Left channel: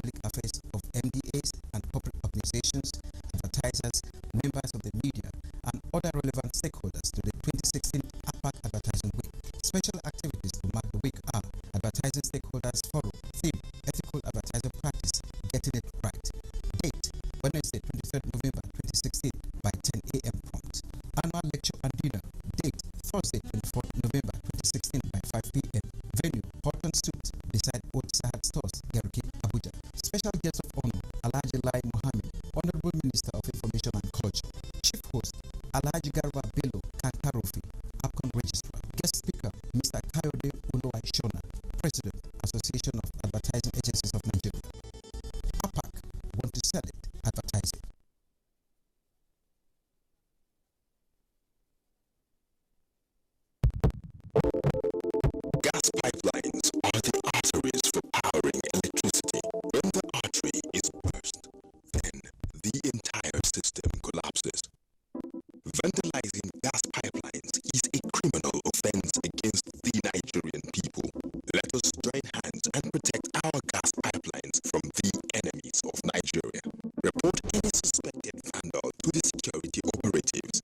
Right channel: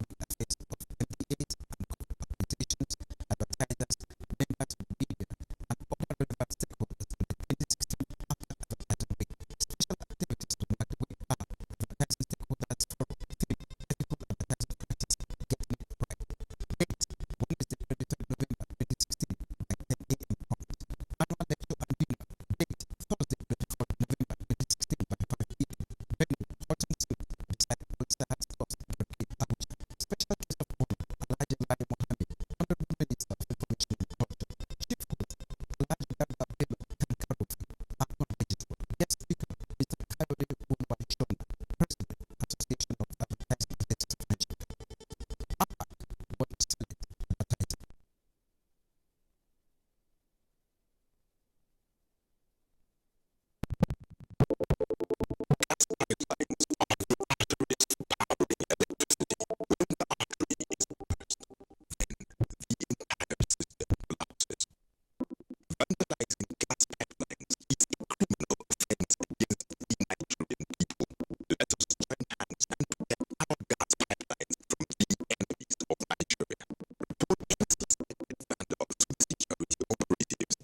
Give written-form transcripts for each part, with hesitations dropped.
public affairs of MDAs and corporate organizations, advertisers, members of the media, and other relevant stakeholders to the 2016 APAC Advertising Week. Special activities to mark the week are Advertising Stakeholders Forum, theme, Ethical Advertising Practice, Getting It Right. Date, Wednesday, 23rd November 2016 by 10 a.m. prompt. Annual lecture and dinner. Date, Thursday, 24th November 2016 by 5 p.m. Venue, Horton Suit, beside Old Sahad Stores, Geruke, Abuja. Special guest of honor, Alhaji Lai Mohammed, Honorable Minister of Information and Culture. Chief host, Alhaji Garba Bello Kankarofi, APCON Registrar. Guest speaker, Mr. Kayode Uluwai Shona, President, Association of Advertising Agencies of Nigeria. APAC, want to sell it, advertising. Gas pipelines are the arteries for powering electricity. When the artery is burst, then the entire system collapses. Vandalizing gas pipelines is a criminal offense against the Nigerian people. Let us join hands and protect our gas pipelines from the enemies of Nigeria. Report any suspected vandal to the security operatives.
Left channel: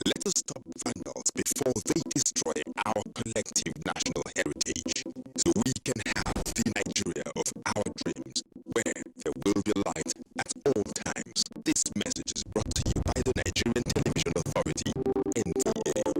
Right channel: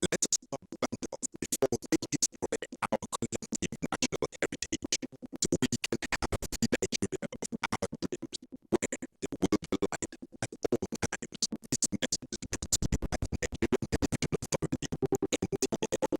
Let us stop vandals before they destroy our collective national heritage, so we can have the Nigeria of our dreams, where there will be light at all times. This message is brought to you by the Nigerian Television Authority, NTA.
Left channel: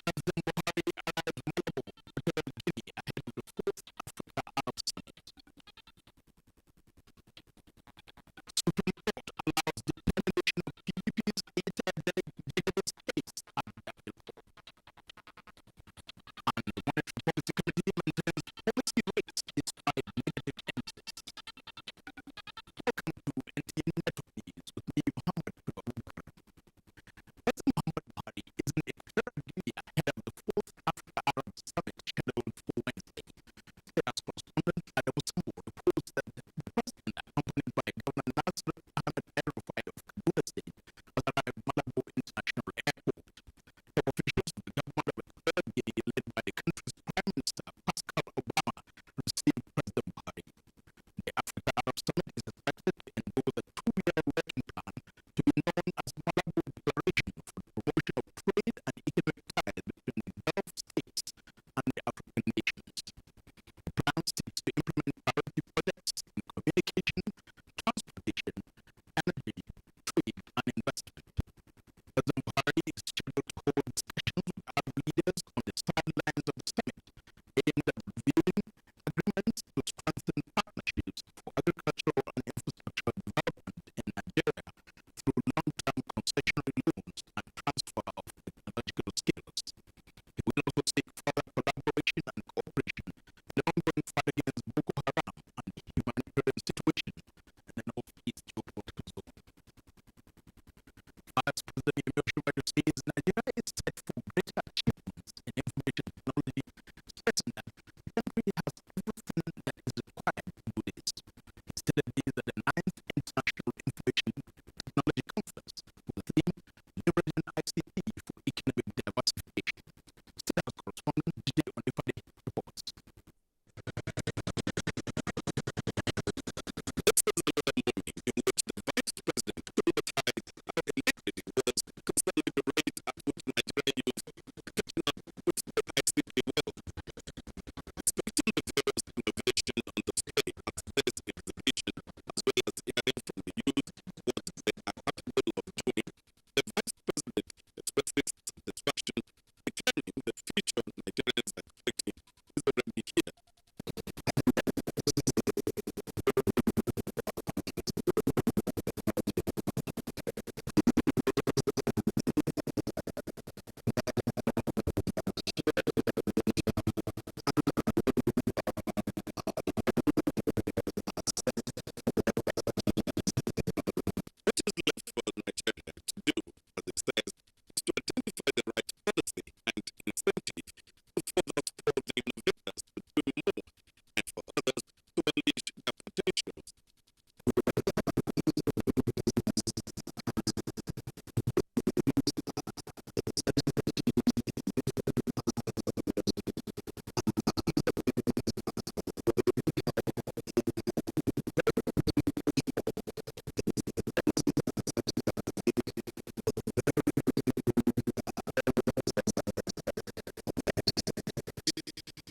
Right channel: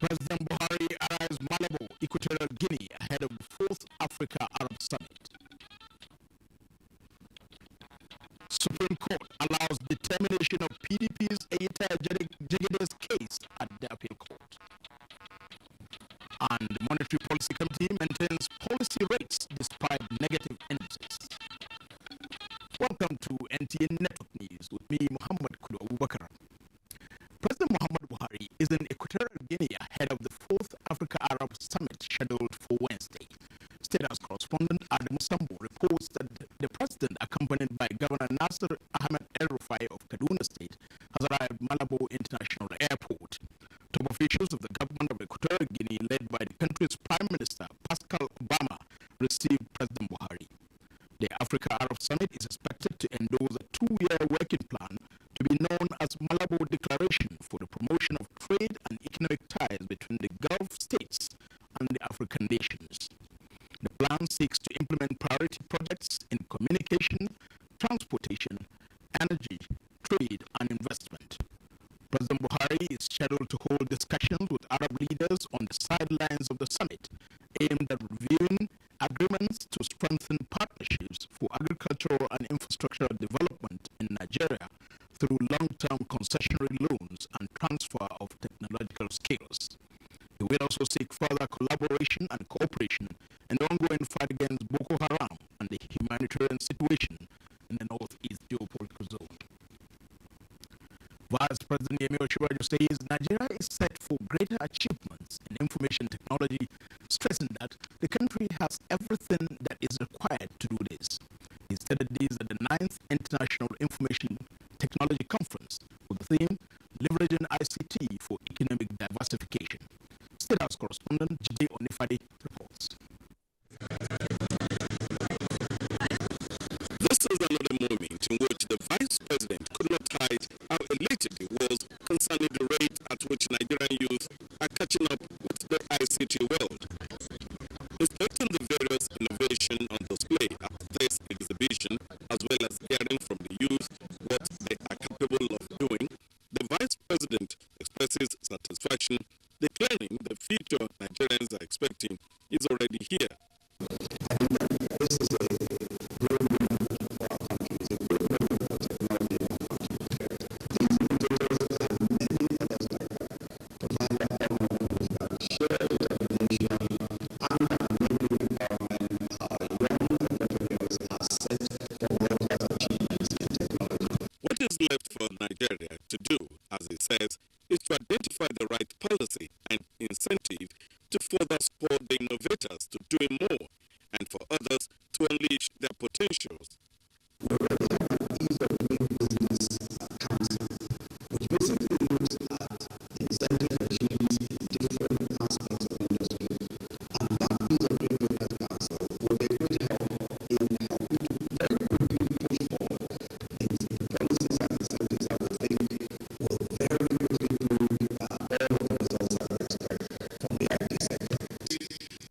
President Buhari arrives Malabo, Equatorial Guinea, ahead of the 4th Africa-Arab Summit. Supreme Court allows determination of PDP's Eyita Jegede's case at the appeal court. And the Monetary Policy Committee maintains policy rates despite negative indices. Welcome to NTA Network News with me, Muhammad Kudu Abubakar. President Muhammad Buhari is in Equatorial Guinea ahead of the 4th Africa-Arab Summit scheduled for Wednesday. State House correspondent Adamu Sambo reports that the president, accompanied by Governor Nasser Ahmed El-Rufai of Kaduna State, has arrived Malabo International Airport. Top officials of the government of Equatorial Guinea, led by the country's Prime Minister Pascal Obama, received President Buhari. The Africa-Arab Summit is expected to endorse a 2-year working plan to be known as Malabo Declaration for the Promotion of Trade and Economic Ties between the Gulf states and the African nations. The plan seeks to implement priority projects in communication, transportation, energy, trade, and investment. President Buhari is scheduled to hold discussions with Arab leaders on the sidelines of the summit, aimed at reviewing agreements to strengthen partnerships for agricultural and infrastructural development in Nigeria through long-term concessionary loans and transfer of technological skills. He will also seek further collaboration and cooperation in the ongoing fight against Boko Haram and the humanitarian situation in the northeast geopolitical zone. Vice President Yemi Osinbajo says Nigeria is set for greater achievements in information technology, stressing that the country has everything that is required to do this. He stated this at the 9th International Information Technology Conference with the theme, Leveraging ICT for Economic Diversification. State House correspondent Jide Onifade reports. This is another moment in which the Vice President could not hide how elated he was concerning the rate at which Nigerian youth are catching up with the ICT world. Inspecting the various innovation on display at this exhibition, as well as hearing from the youth what they are capable of doing, the Vice President expresses satisfaction, declaring the future Nigerians are expecting is already here. I think that this is a great moment for our country. It's a great moment for technology in our country. These innovators and many others like that provide a honor proof that shared determination and an enabling environment, our young entrepreneurs are set for world-class achievements in technology. What is left for Nigeria to do, as he says, is to identify the right policy and incentive to further support the innovators to doing more, and for others to unleash their potentials. We already have an ease of doing business council, which basically looks at the incentive regimes in different aspects of industry. And that ease of doing business council will be a great help in helping to very quickly push forward the policies and incentives that we think will very quickly bring all of the results that we expect from the IT sector.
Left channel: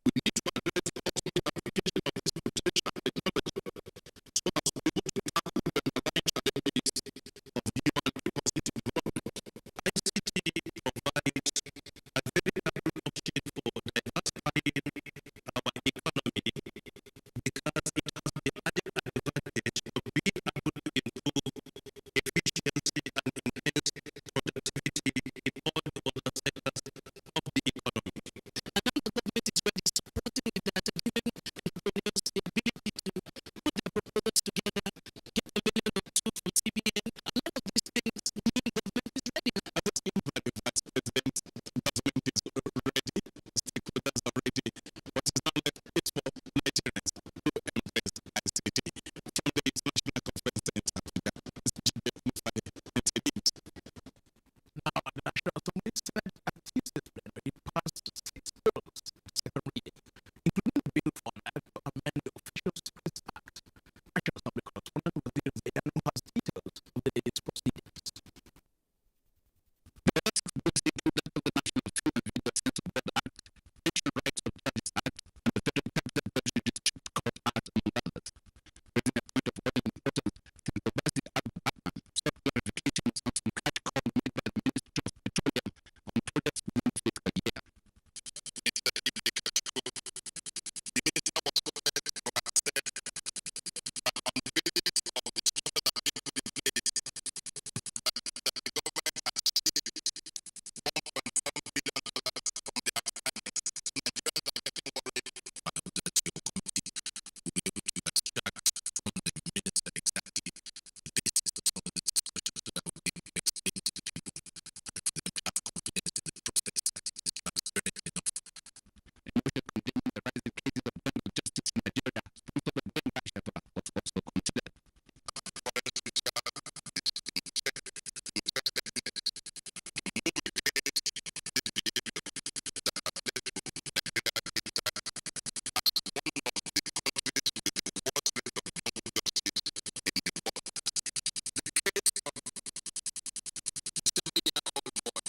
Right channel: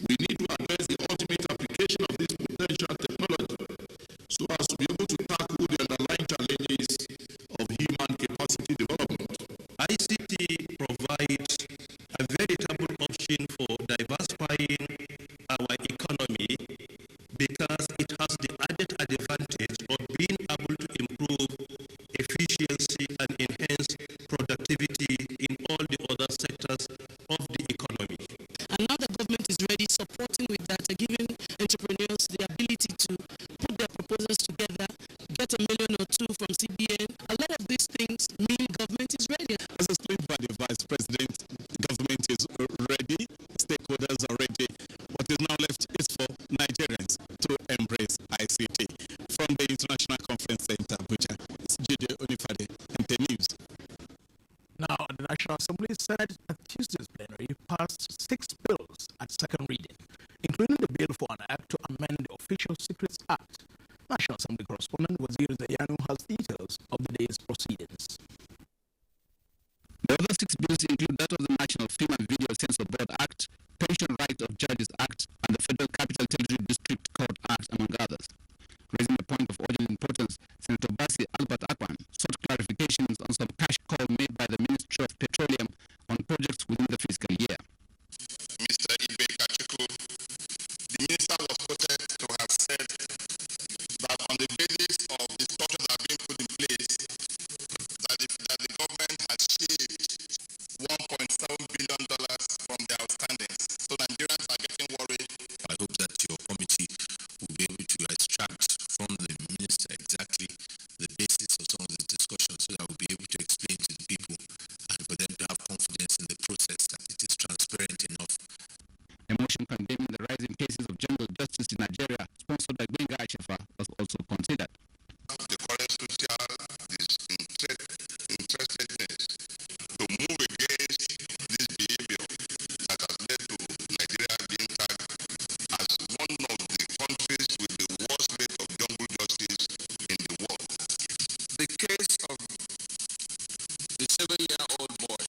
We need to address the ultimate application of this potential technology so as to be able to tackle the underlying challenges of human capacity development. ICT provides a veritable option for diversifying our economy because it has the added advantage of being able to improve efficiency and enhance productivity in all the other sectors of the economy. And now the government is ready, supporting with that, giving entrepreneurs the ability to put their proposals together, get $1 million or $2 from CBN. A lot of these things mean government is ready. As explained by the Vice President, government is ready, stakeholders are ready. What is now left is for Nigerians to embrace ICT. From the International Conference Center, Abuja, it's Jide Onifade, NTA News. Now, at the National Assembly, Senate at Tuesday's plenary passed 6 bills at second reading, including the bill for an act to amend the Official Secrets Act. National Assembly correspondent Wazir Zayanu has details of the day's proceedings. The other 6 bills include that of the National Film and Video Censor Board Act, Pension Rights of Judges Act, and the Federal Capital Territory District Court Act, among others. Raising a point of urgent importance, Senator Basi Albert Akpan sought clarifications on some cash call made by the Ministry of Petroleum on projects within the fiscal year. Mr. Ibe Kachuku, the minister was quoted to have said that on the basis of the structure that are being put in place, that the government has shaved $1.7 billion from the outstandings. So Nigerians are getting worried. I hope that your committee will be able to extract from the minister exactly the basis of some of these discussions so that we'll be able to explain to the people and for them to have confidence in the process, that it is transparent enough. A motion condemning the rise in cases of jungle justice in Nigeria, sponsored by Benga Ashafa, was also considered. The current social disinterestedness to move against this behavior that has led to Nigeria being tagged as one of the countries with the worst rate of jungle justice in the world. The case of the 7-year-old boy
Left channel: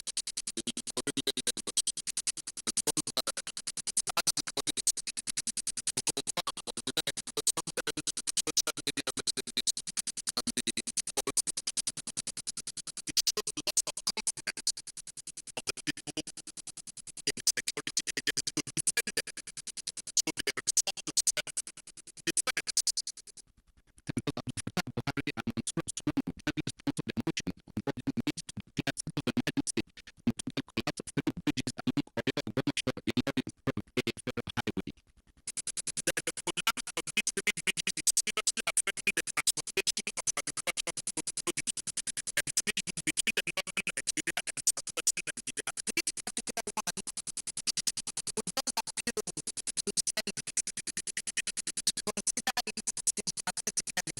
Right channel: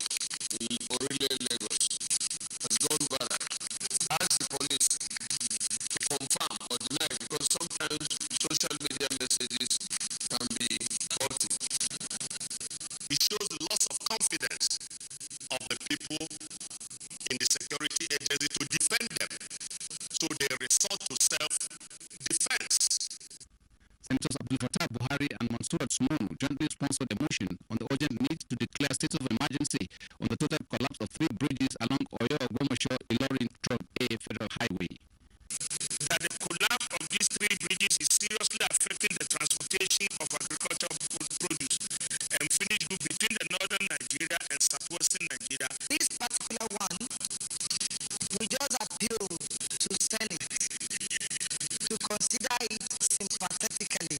in Orile, Lagos, has gone viral. Ask the police to confirm or deny, because sometimes social media messages can be faulty. It shows the loss of confidence of the people in the security agencies to defend them. So they resort to self-defense. Senators Abdul Fattah Buhari and Mansurat Sumonu jointly sponsored a motion on the urgent need to declare state of emergency on the total collapse of 3 bridges along Oyo-Ogbomoso-Ilorin A Federal Highway. That the collapse of these 3 bridges is seriously affecting the transportation of agricultural produce and finished goods between the northern Nigeria and southwestern Nigeria. This particular one, we just appeal to Senate to consider it sympathetically.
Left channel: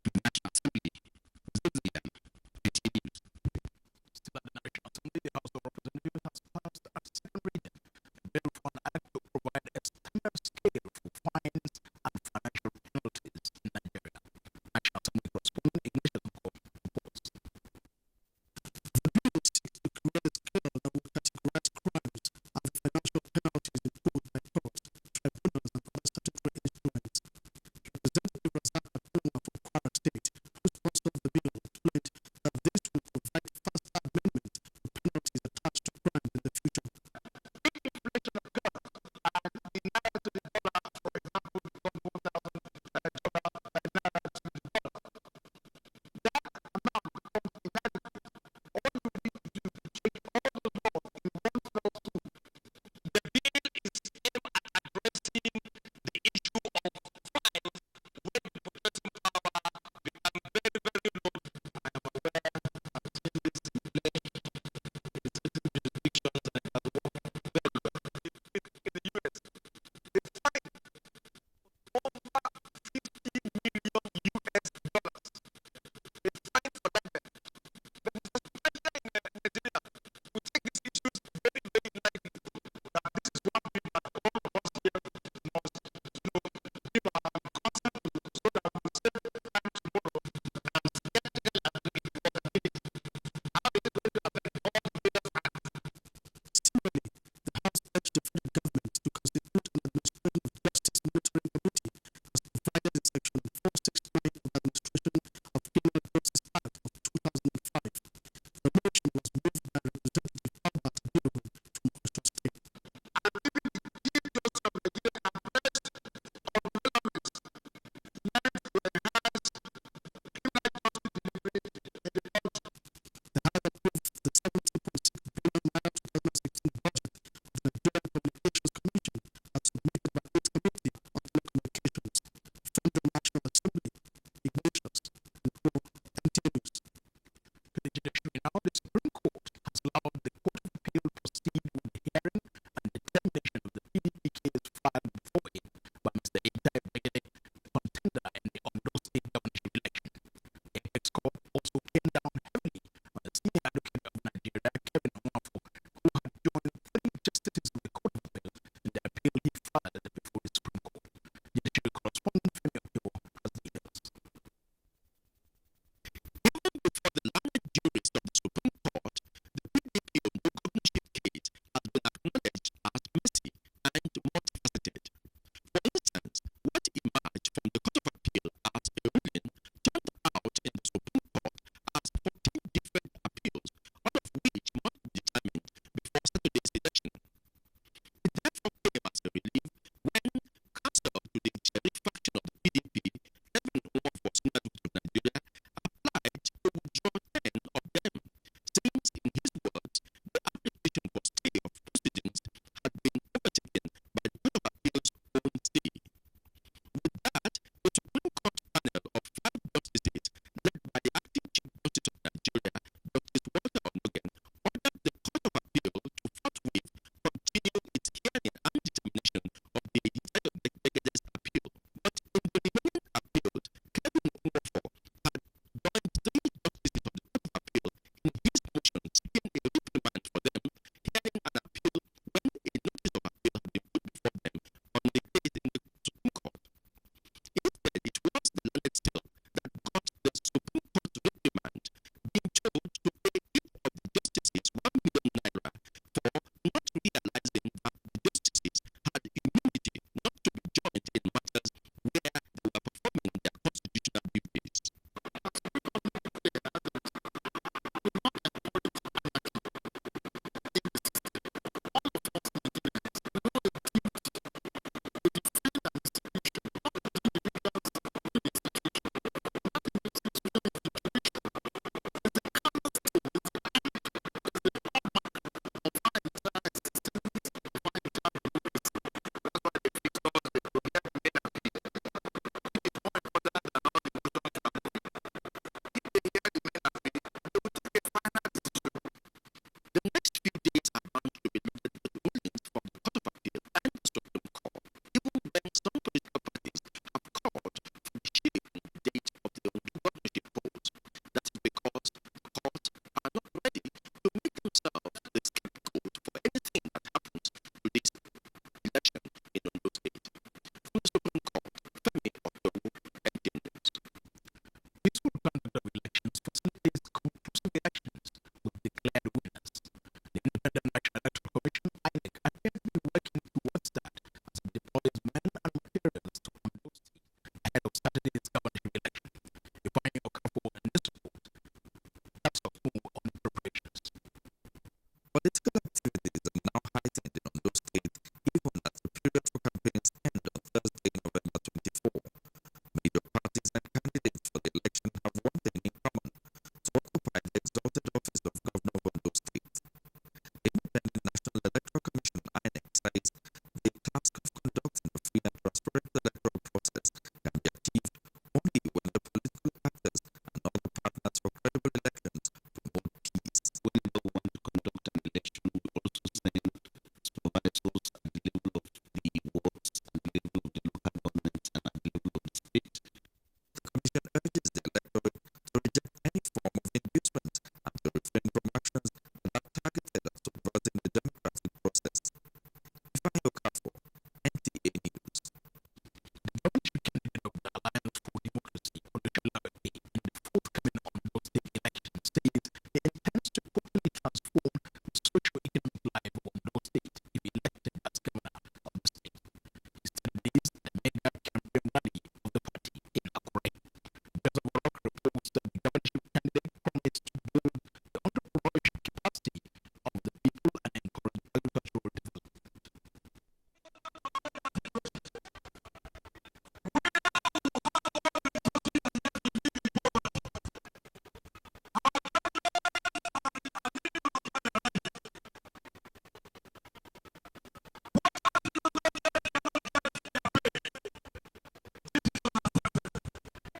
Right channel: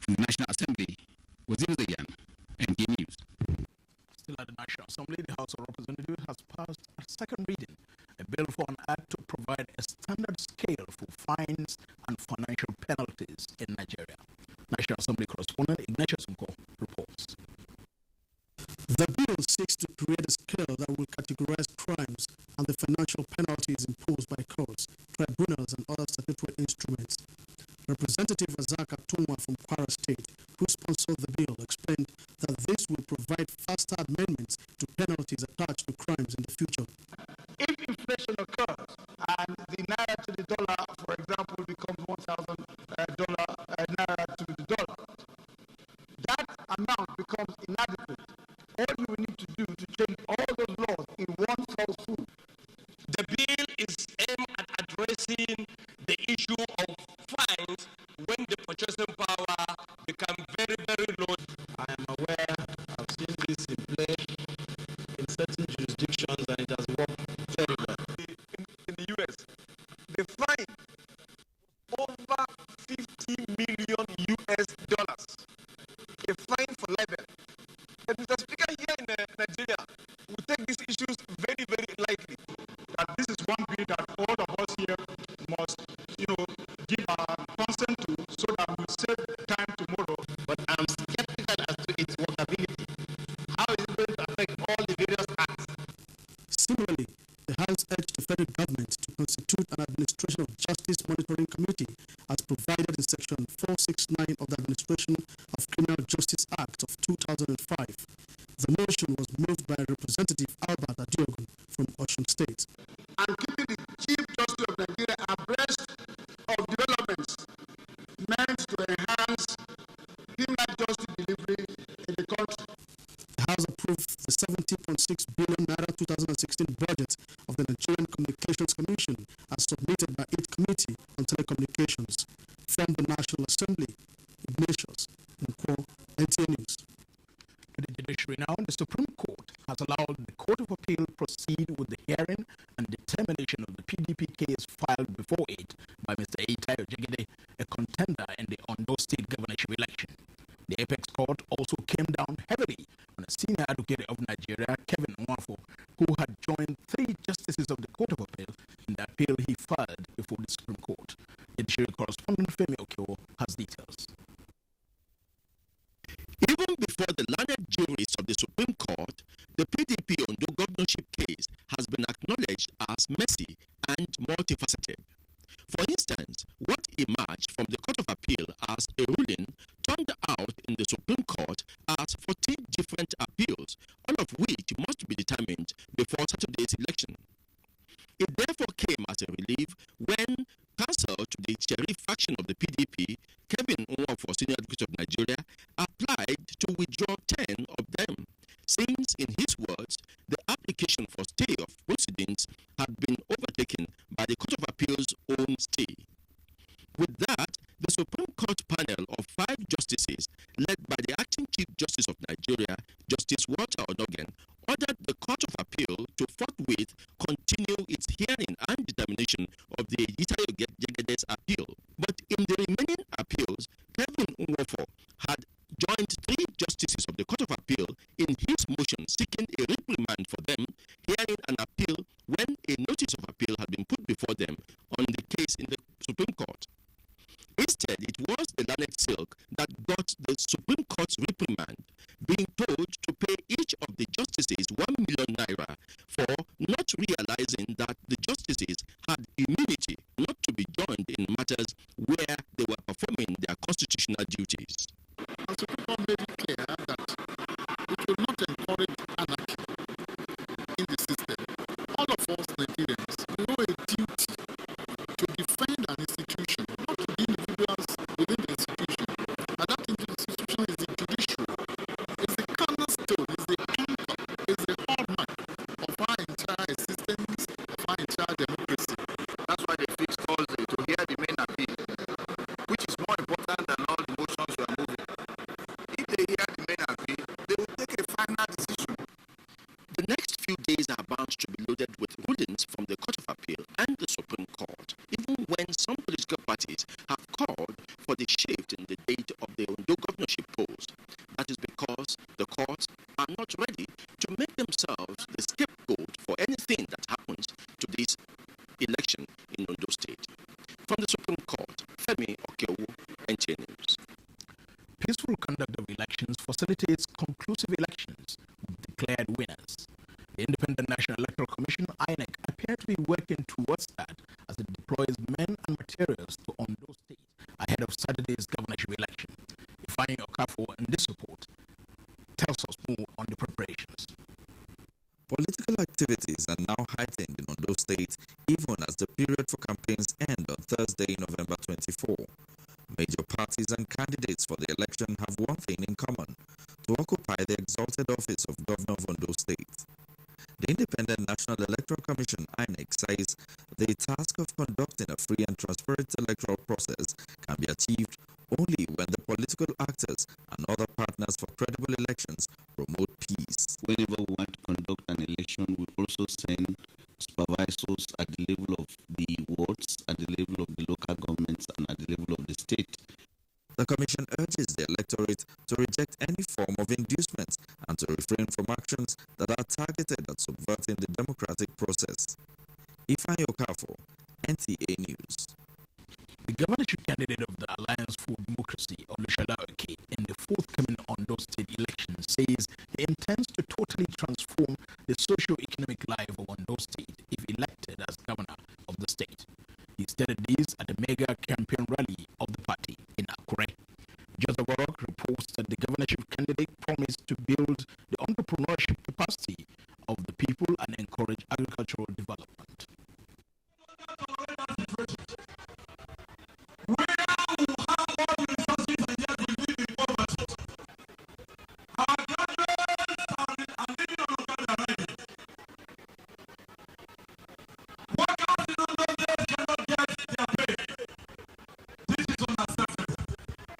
From the National Assembly, Wazir Zayan, NTA News. Still at the National Assembly, the House of Representatives has passed a second reading a bill for an act to provide a standard scale for fines and financial penalties in Nigeria. National Assembly correspondent Ignatius Nko reports. The bill seeks to create a scale that will categorize crimes and the financial penalties imposed by courts, tribunals, and other statutory instruments. Representative Razak Atunwa from Kwara State, who sponsored the bill, explained that this will provide faster amendments to penalties attached to crimes in the future. If inflation occurs and the naira to the dollar, for example, becomes $1,000 naira to the dollar, that amount becomes inadequate. All you will need to do to change all those laws in one fell swoop. The bill is aimed at addressing the issue of fines when the purchasing power becomes very, very low. I am aware, I've seen this in play in certain jurisdictions, and it has worked very well. In the US, the fine was over $50 million US. A fine for libel. But Mr. Speaker, here in Nigeria, we take these issues very, very lightly. That this is one bill that all of us here must, give our consent to, so that we'll save time tomorrow. But I'm skeptical as to its workability. How is it going to affect all the various acts? Similarly, the House urged the federal government to constitute an Administration of Justice Monitoring Committee as provided in Section 469 of the Administration of Criminal Justice Act of 2005. The motion was moved by Representative Albert Adiogun from Osun State. And keeping the Chief Justice of Nigeria abreast of developments meant to enhance criminal justice delivery in the country. The House approved the 70.6 billion naira 2016 budget of the Nigerian Communications Commission as submitted by its Committee on Telecommunications. From the National Assembly, Ignatius Nkwo, NTA News. To the judiciary now, the Supreme Court has allowed the Court of Appeal proceed with the hearing and determination of the PDP case filed before it by Mr. Eitayo Jegede, a contender in the Ondo State governorship election. The Apex Court also came down heavily on a senior advocate of Nigeria, Kevin Nwafo, who had joined 3 justices of the Court of Appeal in the appeal he filed before the Supreme Court. Judiciary correspondent Femi Okewo has details. Even before the learned jurists of the Supreme Court, the PDP Ondo governorship case has been acknowledged as messy and multifaceted. For instance, what emerged from the Court of Appeal as a ruling turned out in the Supreme Court as 14 different appeals, all of which must be determined before Saturday's election. It therefore came as a relief when counsel to the Sheriff faction of the PDP, Kevin Nwafo, Senior Advocate of Nigeria, applied to withdraw 10 of them, since, in his words, the application for stay of proceedings had been overtaken by the Court of Appeal's own stay. With that, the Supreme Court panel of 5 justices, led by the Acting Chief Justice of Nigeria, Justice Walter Onogen, ordered the Court of Appeal to forthwith continue its hearing and determination of the Eitayo Jegede's appeal. But in the remaining appeals, Kevin Nwafo had joined 3 justices of the Court of Appeal in his motion seeking a reprimand for them, hearing an appeal when a notice of appeal had been put before them on the case in the Supreme Court. Instead, it was the Lanet Silk that got the Supreme Court's reprimand, being told to pay each of the justices 1 million naira for not realizing that the justices had immunity not to be joined in matters where they were performing their constitutional duties. And the Supreme Court made it clear that it will not encourage anarchy in the system. All of us Nigerians, we owe a duty to defend an institution, not the individuals within the institution. And that institution is the judiciary, is the cornerstone, is the anchor, is the hallmark of our entire existence, of our entire democracy. That's why they fixed Thursday, to hear the main appeal, which is more important than all the motions we are moving. If they hear the main appeal, they will take a final decision. The next few days are bound to be loaded with rulings from the Court of Appeal and the Supreme Court, even when some political parties have called for the shift in the date of the Ondo governorship polls. That is because the courts are not ready to make themselves the scapegoat for anything that happens to this election in Ondo State. From the Supreme Court, Femi Okeowo, NTA News. Peaceful conduct of elections facilitates conclusive elections with declared winners. The Independent National Electoral Commission, INEC, appear to be working towards that as it deploys men and materials to Ondo State ahead of Saturday's governorship election. Ifeanyi Okafor in this report tells us more on the preparations. Political activities are now heightened in Ondo State even as the period for campaigns end on Thursday, November 24. Major parties and candidates for the election have one thing in common: to occupy the exalted office of Governor of Ondo State. The Independent National Electoral Commission, INEC, says the task of conducting a free and transparent electoral process can be achieved only when the political actors and other partners for credible elections promote peace. Whenever we want to conduct an election, we also send supervisors at the level of the wards, at the level of the local governments, and at the level of the state. The Commission urges the electorate to reject any form of inducement and to refrain from actions that are targeted at subverting the democratic process. Ifeanyi Okafor, NTA News. The governorship candidate of the Alliance for Democracy, Olushola Oke, in the forthcoming Ondo State election says he intends to totally transform the socio-economic life of Ondo State if elected as governor of the state. He stated this at a mega campaign rally of the party in Akure. Joseph Orok reports that the governorship candidate promised to build the entrepreneurship capacity of the people and encourage agricultural development. Where we have all the resources and yet we live in poverty. Our graduates are living on Okada riding. Workers in Ondo State cannot get their pay. This is unacceptable.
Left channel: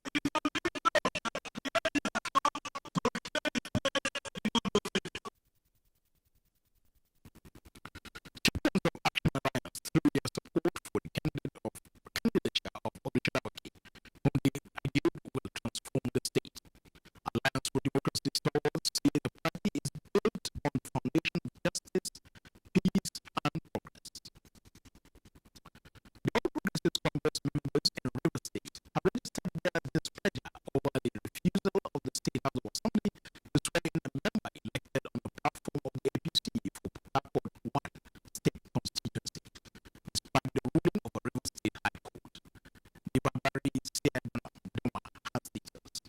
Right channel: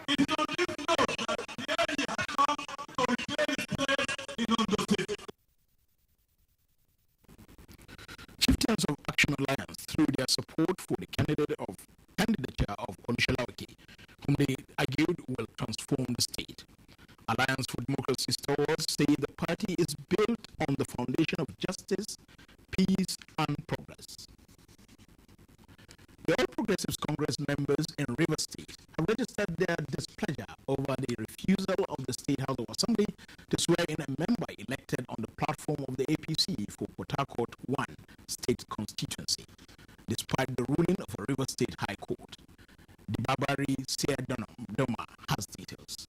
It is on this note that the AD has come to reclaim its place in Ondo State. Chieftains of Action Alliance, through their support for the candidature of Olushola Oke, whom they argued will transform the state. Alliance for Democracy stewards say the party is built on the foundation of justice, peace, and progress. The All Progressives Congress members in Rivers State have registered their displeasure over the refusal of the State House of Assembly to swear in a member elected on the platform of the APC for Port Harcourt 1 state constituency, despite the ruling of a Rivers State High Court. Dibabari Seadoma has details.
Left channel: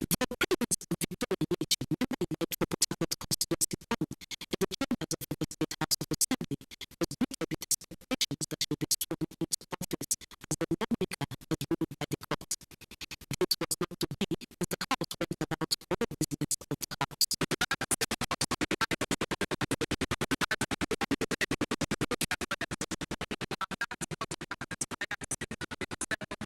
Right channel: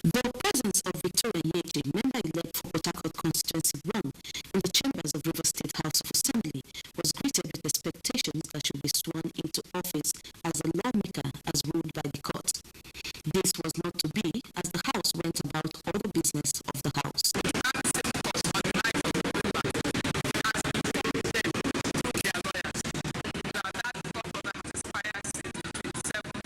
The presence of Victoria Nyeche, member-elect for Port Harcourt Constituency 1 in the chambers of Rivers State House of Assembly was greeted with expectations that she'll be sworn into office as a lawmaker as ruled by the court. This was not to be as the House went about other business of the House. That same court on the 9th of November has informed them through their lawyers that court order has expired since the 27th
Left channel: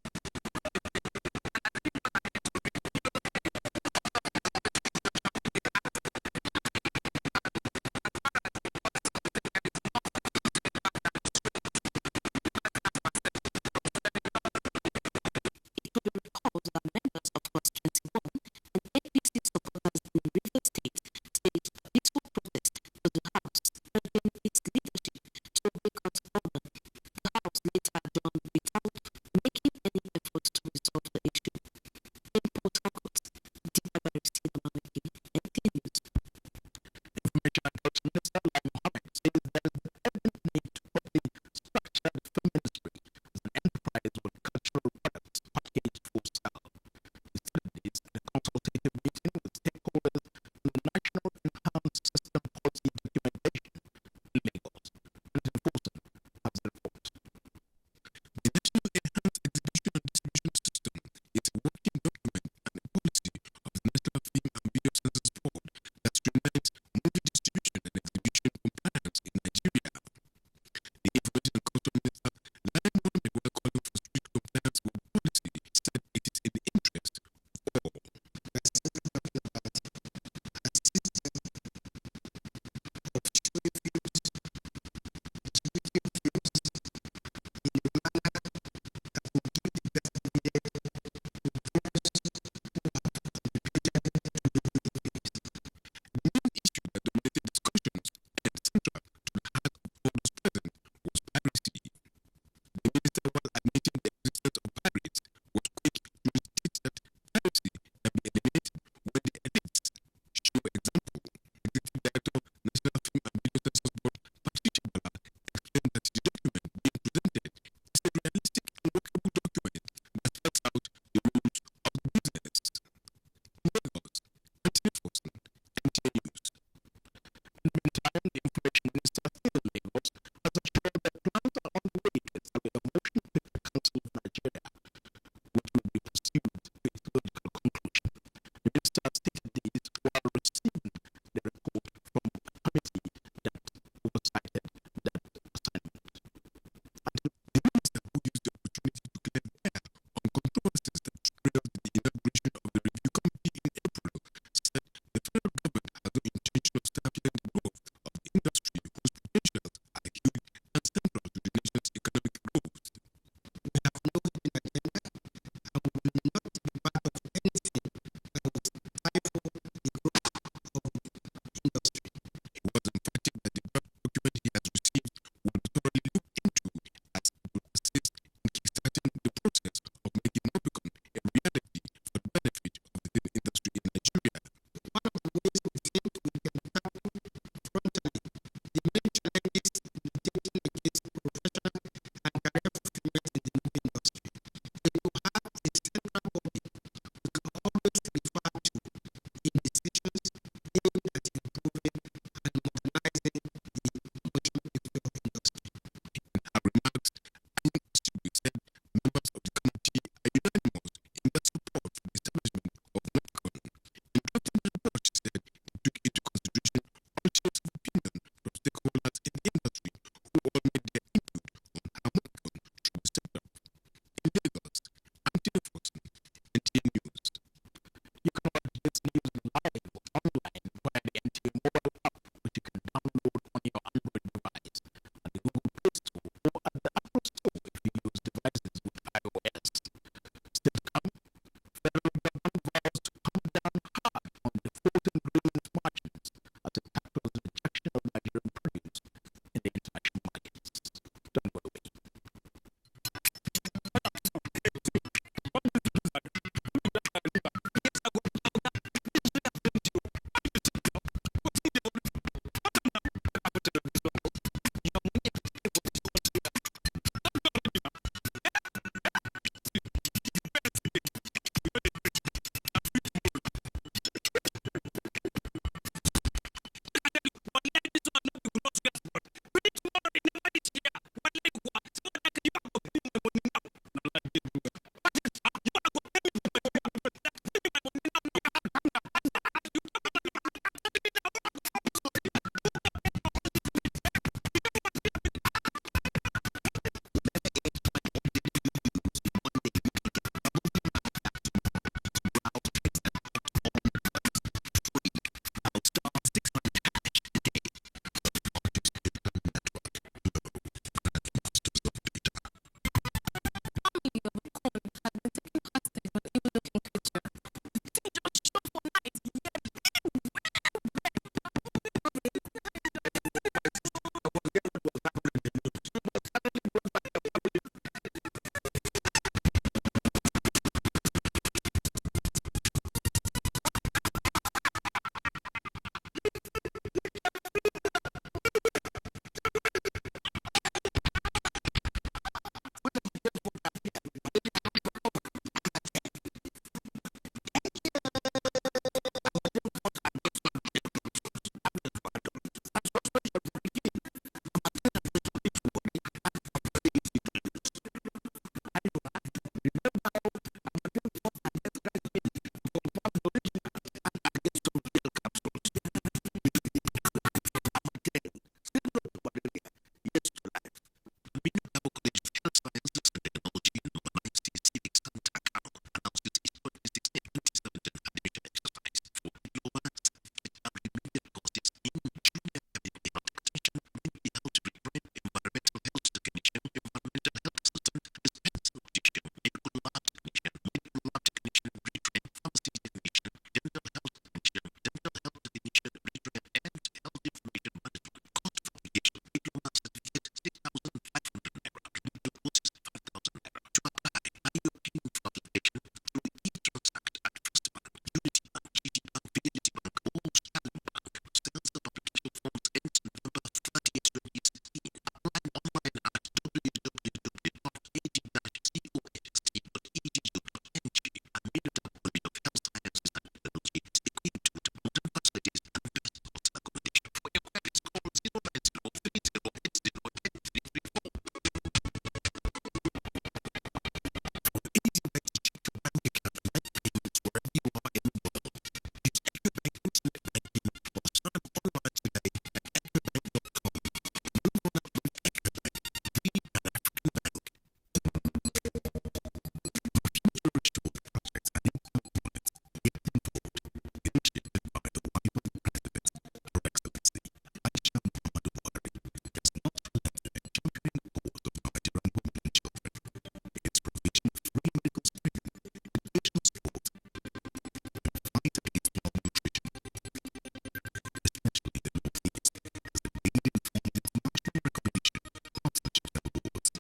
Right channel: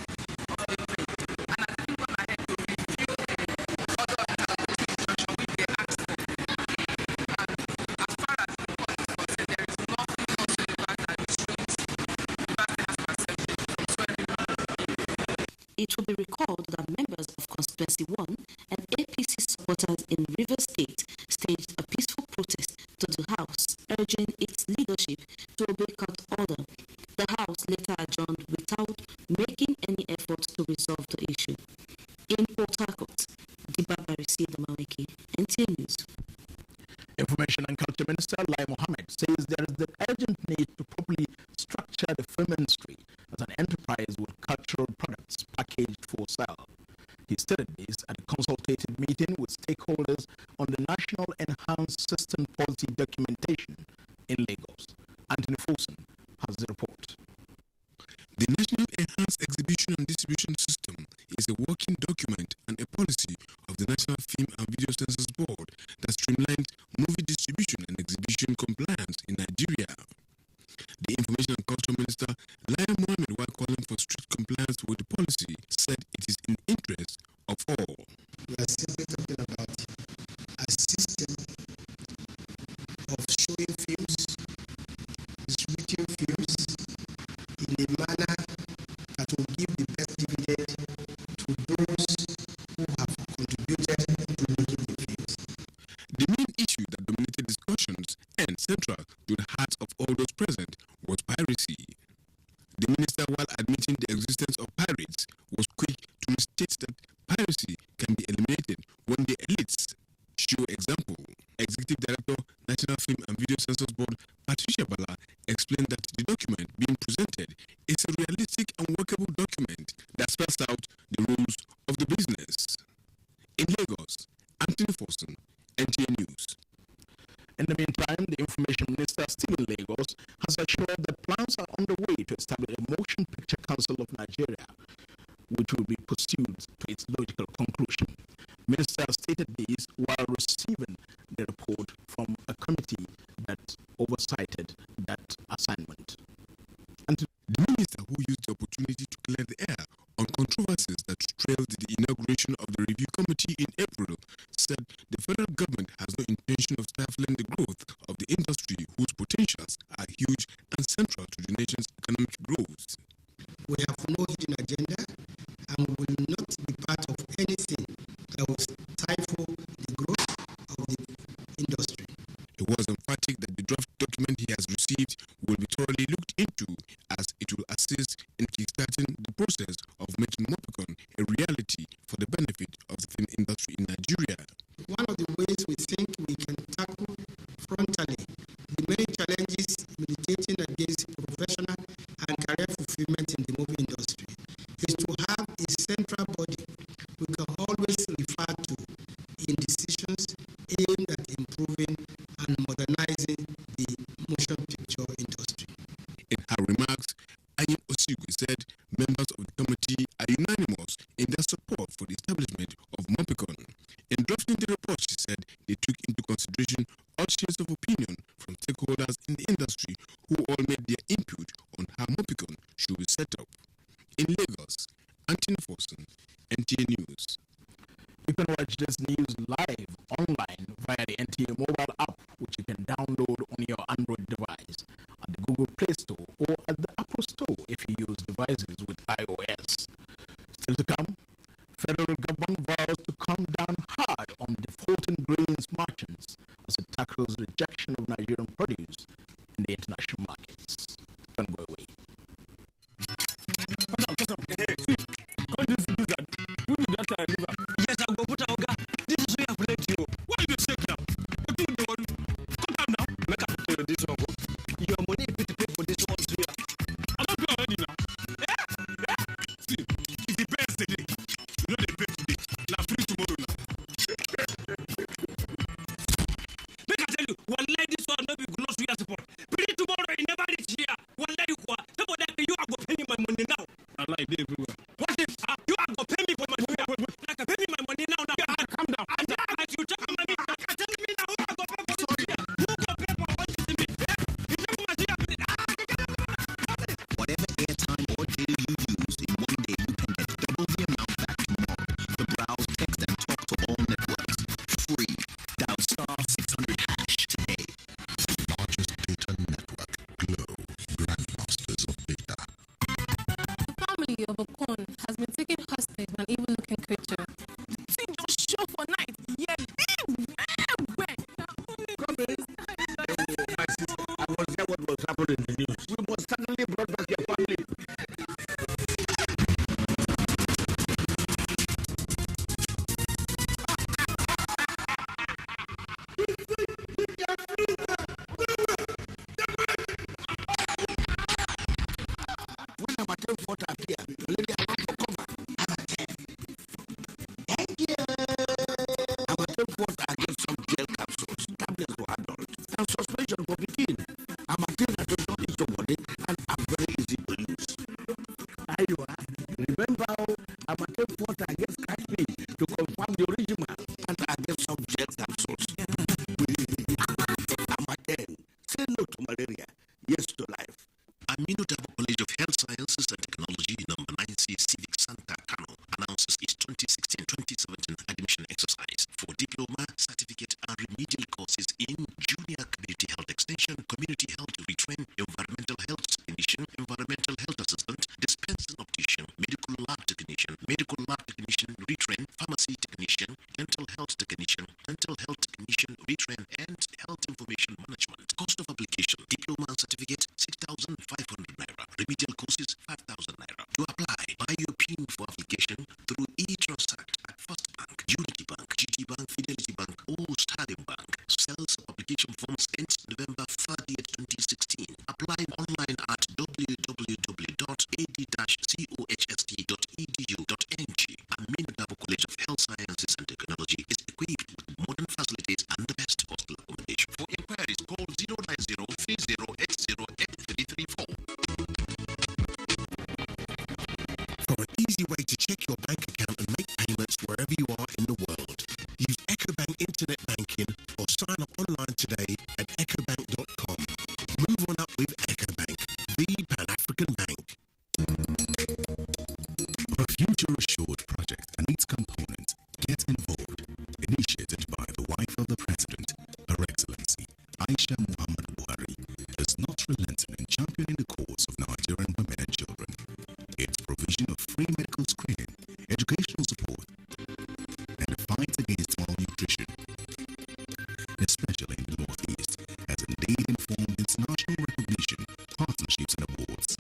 of April and has even gone ahead to review the order of interlocutory injunction which they asked for. And as far as the court is concerned, there is nothing whatsoever that restrains the University House of Assembly from swearing me in. It will be recalled that members of Constituency 1 and APC supporters in Rivers State staged a peaceful protest to the House, urging its leadership to obey court order. The House later adjourned without making any effort to resolve the issue. In Port Harcourt, Dibabari Sidamaweki, NTA News. Information and Culture Minister Lai Mohammed says there is the urgent need to properly structure the film industry as an enterprise with cultural products packaged for sale. He stated this at a consultative meeting with stakeholders on the National Enhanced System Policy Documentation in Lagos. Anthony Folson has the report. The National Enhanced Exhibition and Distribution System is a working document and a policy of the National Film and Video Censors Board that streamlines movie distribution and exhibition compliance in Nigeria. The Information and Culture Minister, Lai Mohammed, while calling for strict compliance with the policy, said it is in the interest of all. We are simply talking about a system of showing films, distributing films, in a manner that will give the best dividend to those who have contributed to making the films. The main issue that dominated discussions and central to the hearts of all those present was piracy. The minister, while admitting the existence of pirates, was quick to restate that piracy can be eliminated when the elites show example. Executive Director, National Film and Video Censors Board, Patricia Bala, explained that the document being presented is a realistic and workable document that spells out the rules of the business. In Lagos, Anthony Folson, NTA News. In the meantime, the Information Minister, still in Lagos, has assured that plans are underway to establish a Motion Picture Council of Nigeria, which will be pursued to its logical conclusion. The minister stated this while receiving the report from a committee that oversighted that assignment. The minister, who used the opportunity to clear the air on controversies that trailed the inauguration of the review committee in April, said the federal government has no intention of stifling the growth of the industry, whose potentials are huge and central to the nation's economic growth. We have no hidden agenda and will not be part of anything that will stifle the growth of the industry. He was emphatic that the draft document he has received will be thoroughly looked into, as it will assist in kickstarting the process of making Mopicon a reality for the benefit of the film industry in Nigeria. One of the ways we think we can tackle frontally the main challenges militating against professional and career fulfillment in the movie industry is to have a central body we can always refer to in decisions aimed at improving and modernizing the motion picture industry. In her remarks, Anyin Osigwe said members of the committee are unanimous in their support for the establishment of Mopicon. In drafting the report, she said they took into consideration all shades of opinion from stakeholders in the industry, who all made their input on how Mopicon should be set up. In Lagos, Anthony Folson, NTA News. You can watch this news live online via the NTA mobile app, which you can download on your Android device at the Google Play Store or at the Apple Store if you use devices with iOS. Still to come, federal government vows to come down hard on defaulting grains merchants as it tackles rejection of Nigerian produce in the international markets. Don't go away. Come down. Hey, see, call this gizzard. Put me that liver. Yes, I'll go put Oga. This is so you have plenty. Why you shake now? What do they worry? Cut them down. Make I put this one go. Your money pay to pay for this one, so I don't pay already now. Eh? See, if you pay yesterday, you know they pay today. Now free tomorrow now. Make I tell you, wallahi this one not be good to your support. Pay tomorrow, it never reach here. Wallahi you kwa. Somebody that you are go pay me my money now. Now lie they everywhere. What if? You are go pay me for my suya. Like pay me my money now. Yeah, calm down. Calm down. As you talk about me, like tell me now who I go pay for this suya? Who go pay for all this meat? You talk about my suya. Whatever airtime or data you use, in one day you can get double the amount back tomorrow to browse, text, and talk to all networks. Free. Dial *600# today. The largest data network, Glow, grandmasters of data. The family of Okon has been taken hostage by an evil-looking creature. The thing just show for night. Yeah, big, where? Come in. Oh, my sister, I was there what was happening in the news. We must suddenly brought back your family. You think you can freeze them? No way! When Amatem fought appear, Malaria run for cover. Amatem. Thank you. Amatem fought against some gel capsules, tablets for adults, and suspension for Pekin. Amatem does not eat your body and are very easy to use. Ayua, remember how Amatem fought against crash pin to confirm the original and against some gel capsules. Amatem. Say no to malaria, yes to life. Aminu Dabo College of Health Sciences and Technology, number 9C Civic Center, Kano, announces its 2016-2017 admission exercise for diploma, certificate, and remedial courses in Junior Community Health Extension, Community Health Retrain, Environmental Health Technician, Environmental Health Assistant, Dispensing Optician, Medical Lab Technician, Medical Lab Technician Retrain, Pharmacy Technician, Dental Health Technician, Dental Health Technician Retrain, and Health Information Management. Cost of application: diploma and certificate 6,500 naira. Remedial courses 5,000 naira. To apply, buy your PIN for application through e-Transact at First Bank, Unity Bank, GT Bank, Fidelity Bank, or Sterling Bank. Sales of application forms ends November 30th, 2016. Apply online at www.ad-cohst.edu.ng. Aminu Dabo College of Health Sciences and Technology is equipped with modern facilities and the best hostel accommodation. For inquiries, call 090-3080-8334. For an easy way to check your bank account and make payments wherever you are in the world, use EcoBank Internet Banking or sign up online today at ecobank.com. Move on up with EcoBank, the Pan-African bank. The Future Assured project and its components Get Involved, initiated by the wife of the President, Her Excellency Aisha Muhammadu Buhari, is not relenting in championing the cause of Nigerian women and children. Its provision of free medical screening, educational support, and the fight against malnutrition, especially in the Northeast, has indeed informed international recognition, partnerships, and awards.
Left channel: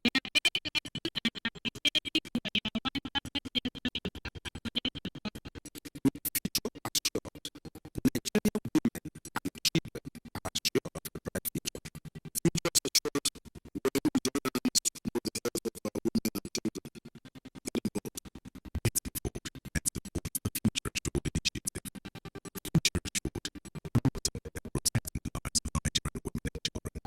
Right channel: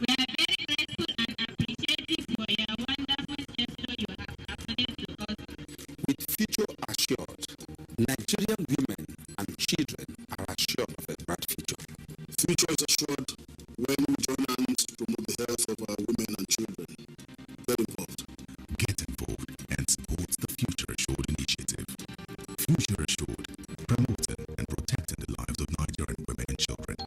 We are very grateful and appreciative for your wonderful gesture you have accorded to us. With Future Assured, Nigerian women and children are assured of a bright future. Future is assured when we join hands to promote the health of our women and children. Get involved. Get involved and support the Future Assured initiative. Future Assured, promoting and protecting the lives of Nigerian women and children.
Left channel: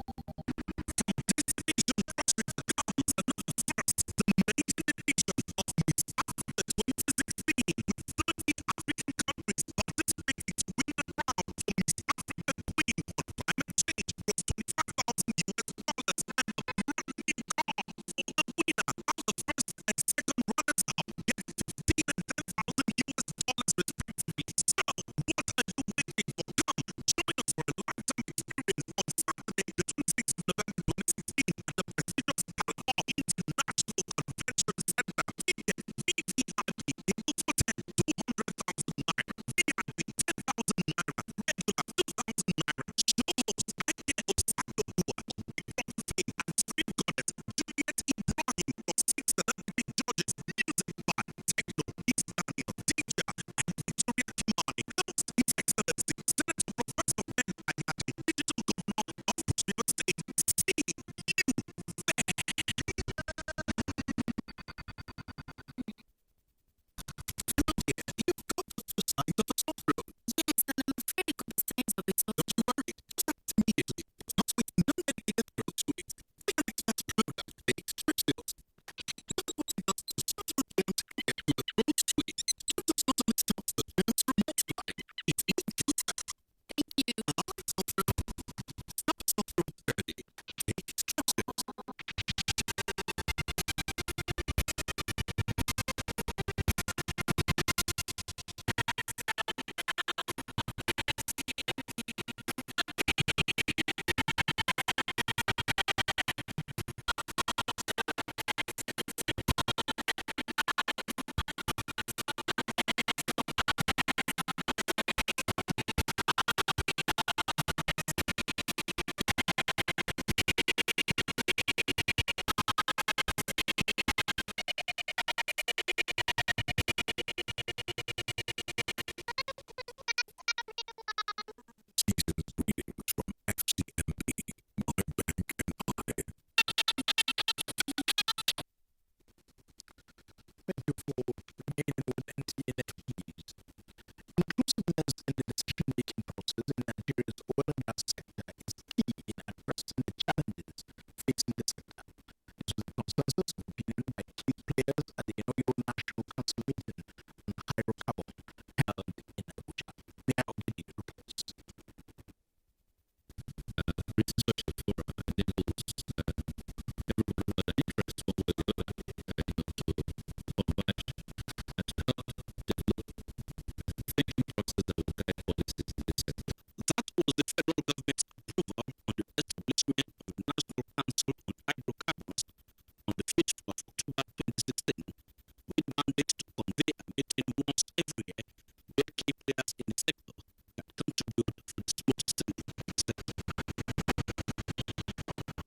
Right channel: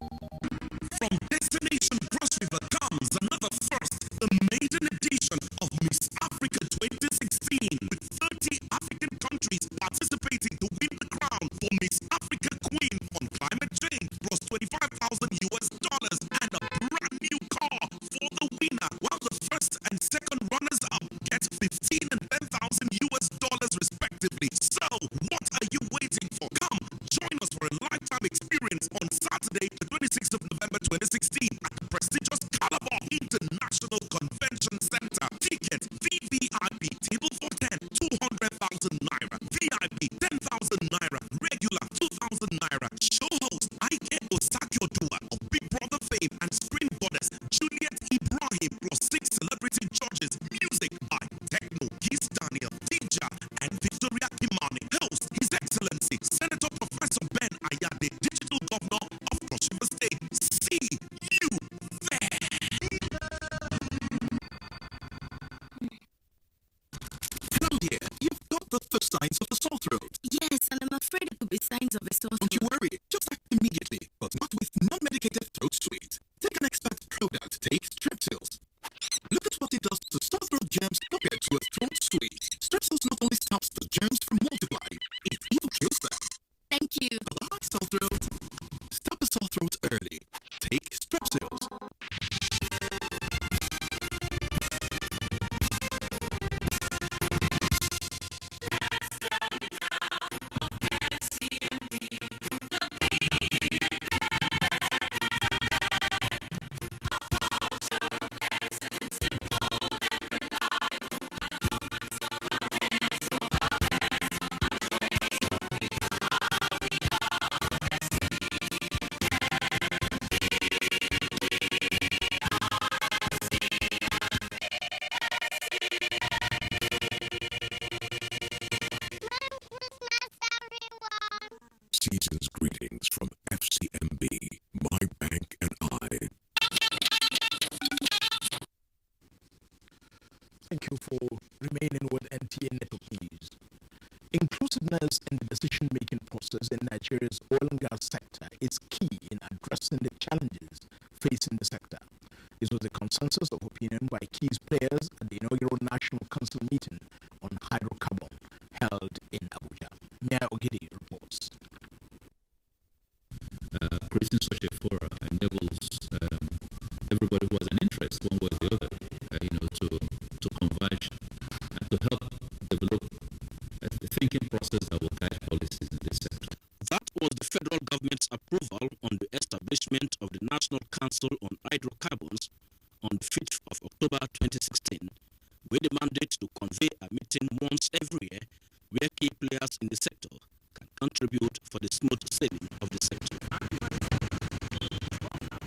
From Destination Cross River comes another first, the maiden edition of Miss Africa 2016, with 30 African countries participating to win the crown for Miss Africa Queen on climate change, plus $25,000 and a brand new car for the winner, while the first and second runners-up get $15,000 and $10,000 respectively. So, what are you waiting for? Come, join us for a lifetime experience on Saturday, the 26th of November 2016 at the prestigious Calabar International Convention Center. Ticket VVIP table for 10, 200,000 naira. VIP 10,000 naira. Regular 2,000 naira. Show host Ike Osakio-Dua of Big Brother fame and screen goddess Juliet Ibrahim, plus 6 celebrity judges. Music by Techno, Kiss Daniel, Dija, and Victoria Kimani. Host His Excellency Senator Professor Ben Ayade, Digital Governor of Cross River State. See you there. Hello, dear. You've got the first signs of a sore throat. Yes, and I'm afraid it could be signs of a sore throat. Don't you worry. Just act immediately, but not with non-medicated throat sweets. Take an expert product. Take Strepsils. Look at what it does to sore throat germs compared to a throat sweet. Strepsils not only stops the germs from multiplying, it even kills them. Thank you. Bye-bye, sore throat. Stop a sore throat early. Take Strepsils. season's greetings from FCMB, My Bank and I. Thank you for remaining with NTA Network News. Inclusiveness in the decision-making process in Nigeria's oil and gas sector is key in addressing the challenges facing the sector. This was the consensus of opinion by key players at the inaugural National Council meeting on hydrocarbon held in Abuja. Mayor Ogidi reports. Creating such a forum enables everybody who has an interest, one way or the other, to converge and to help develop a thinking process that will guide policies in this sector. That was the federal government's approval on the establishment of the National Council on Hydrocarbons on the 5th of October 2016, with the mandate to convey a meeting once every year where key players in the sector can contribute for the smooth sailing of the sector.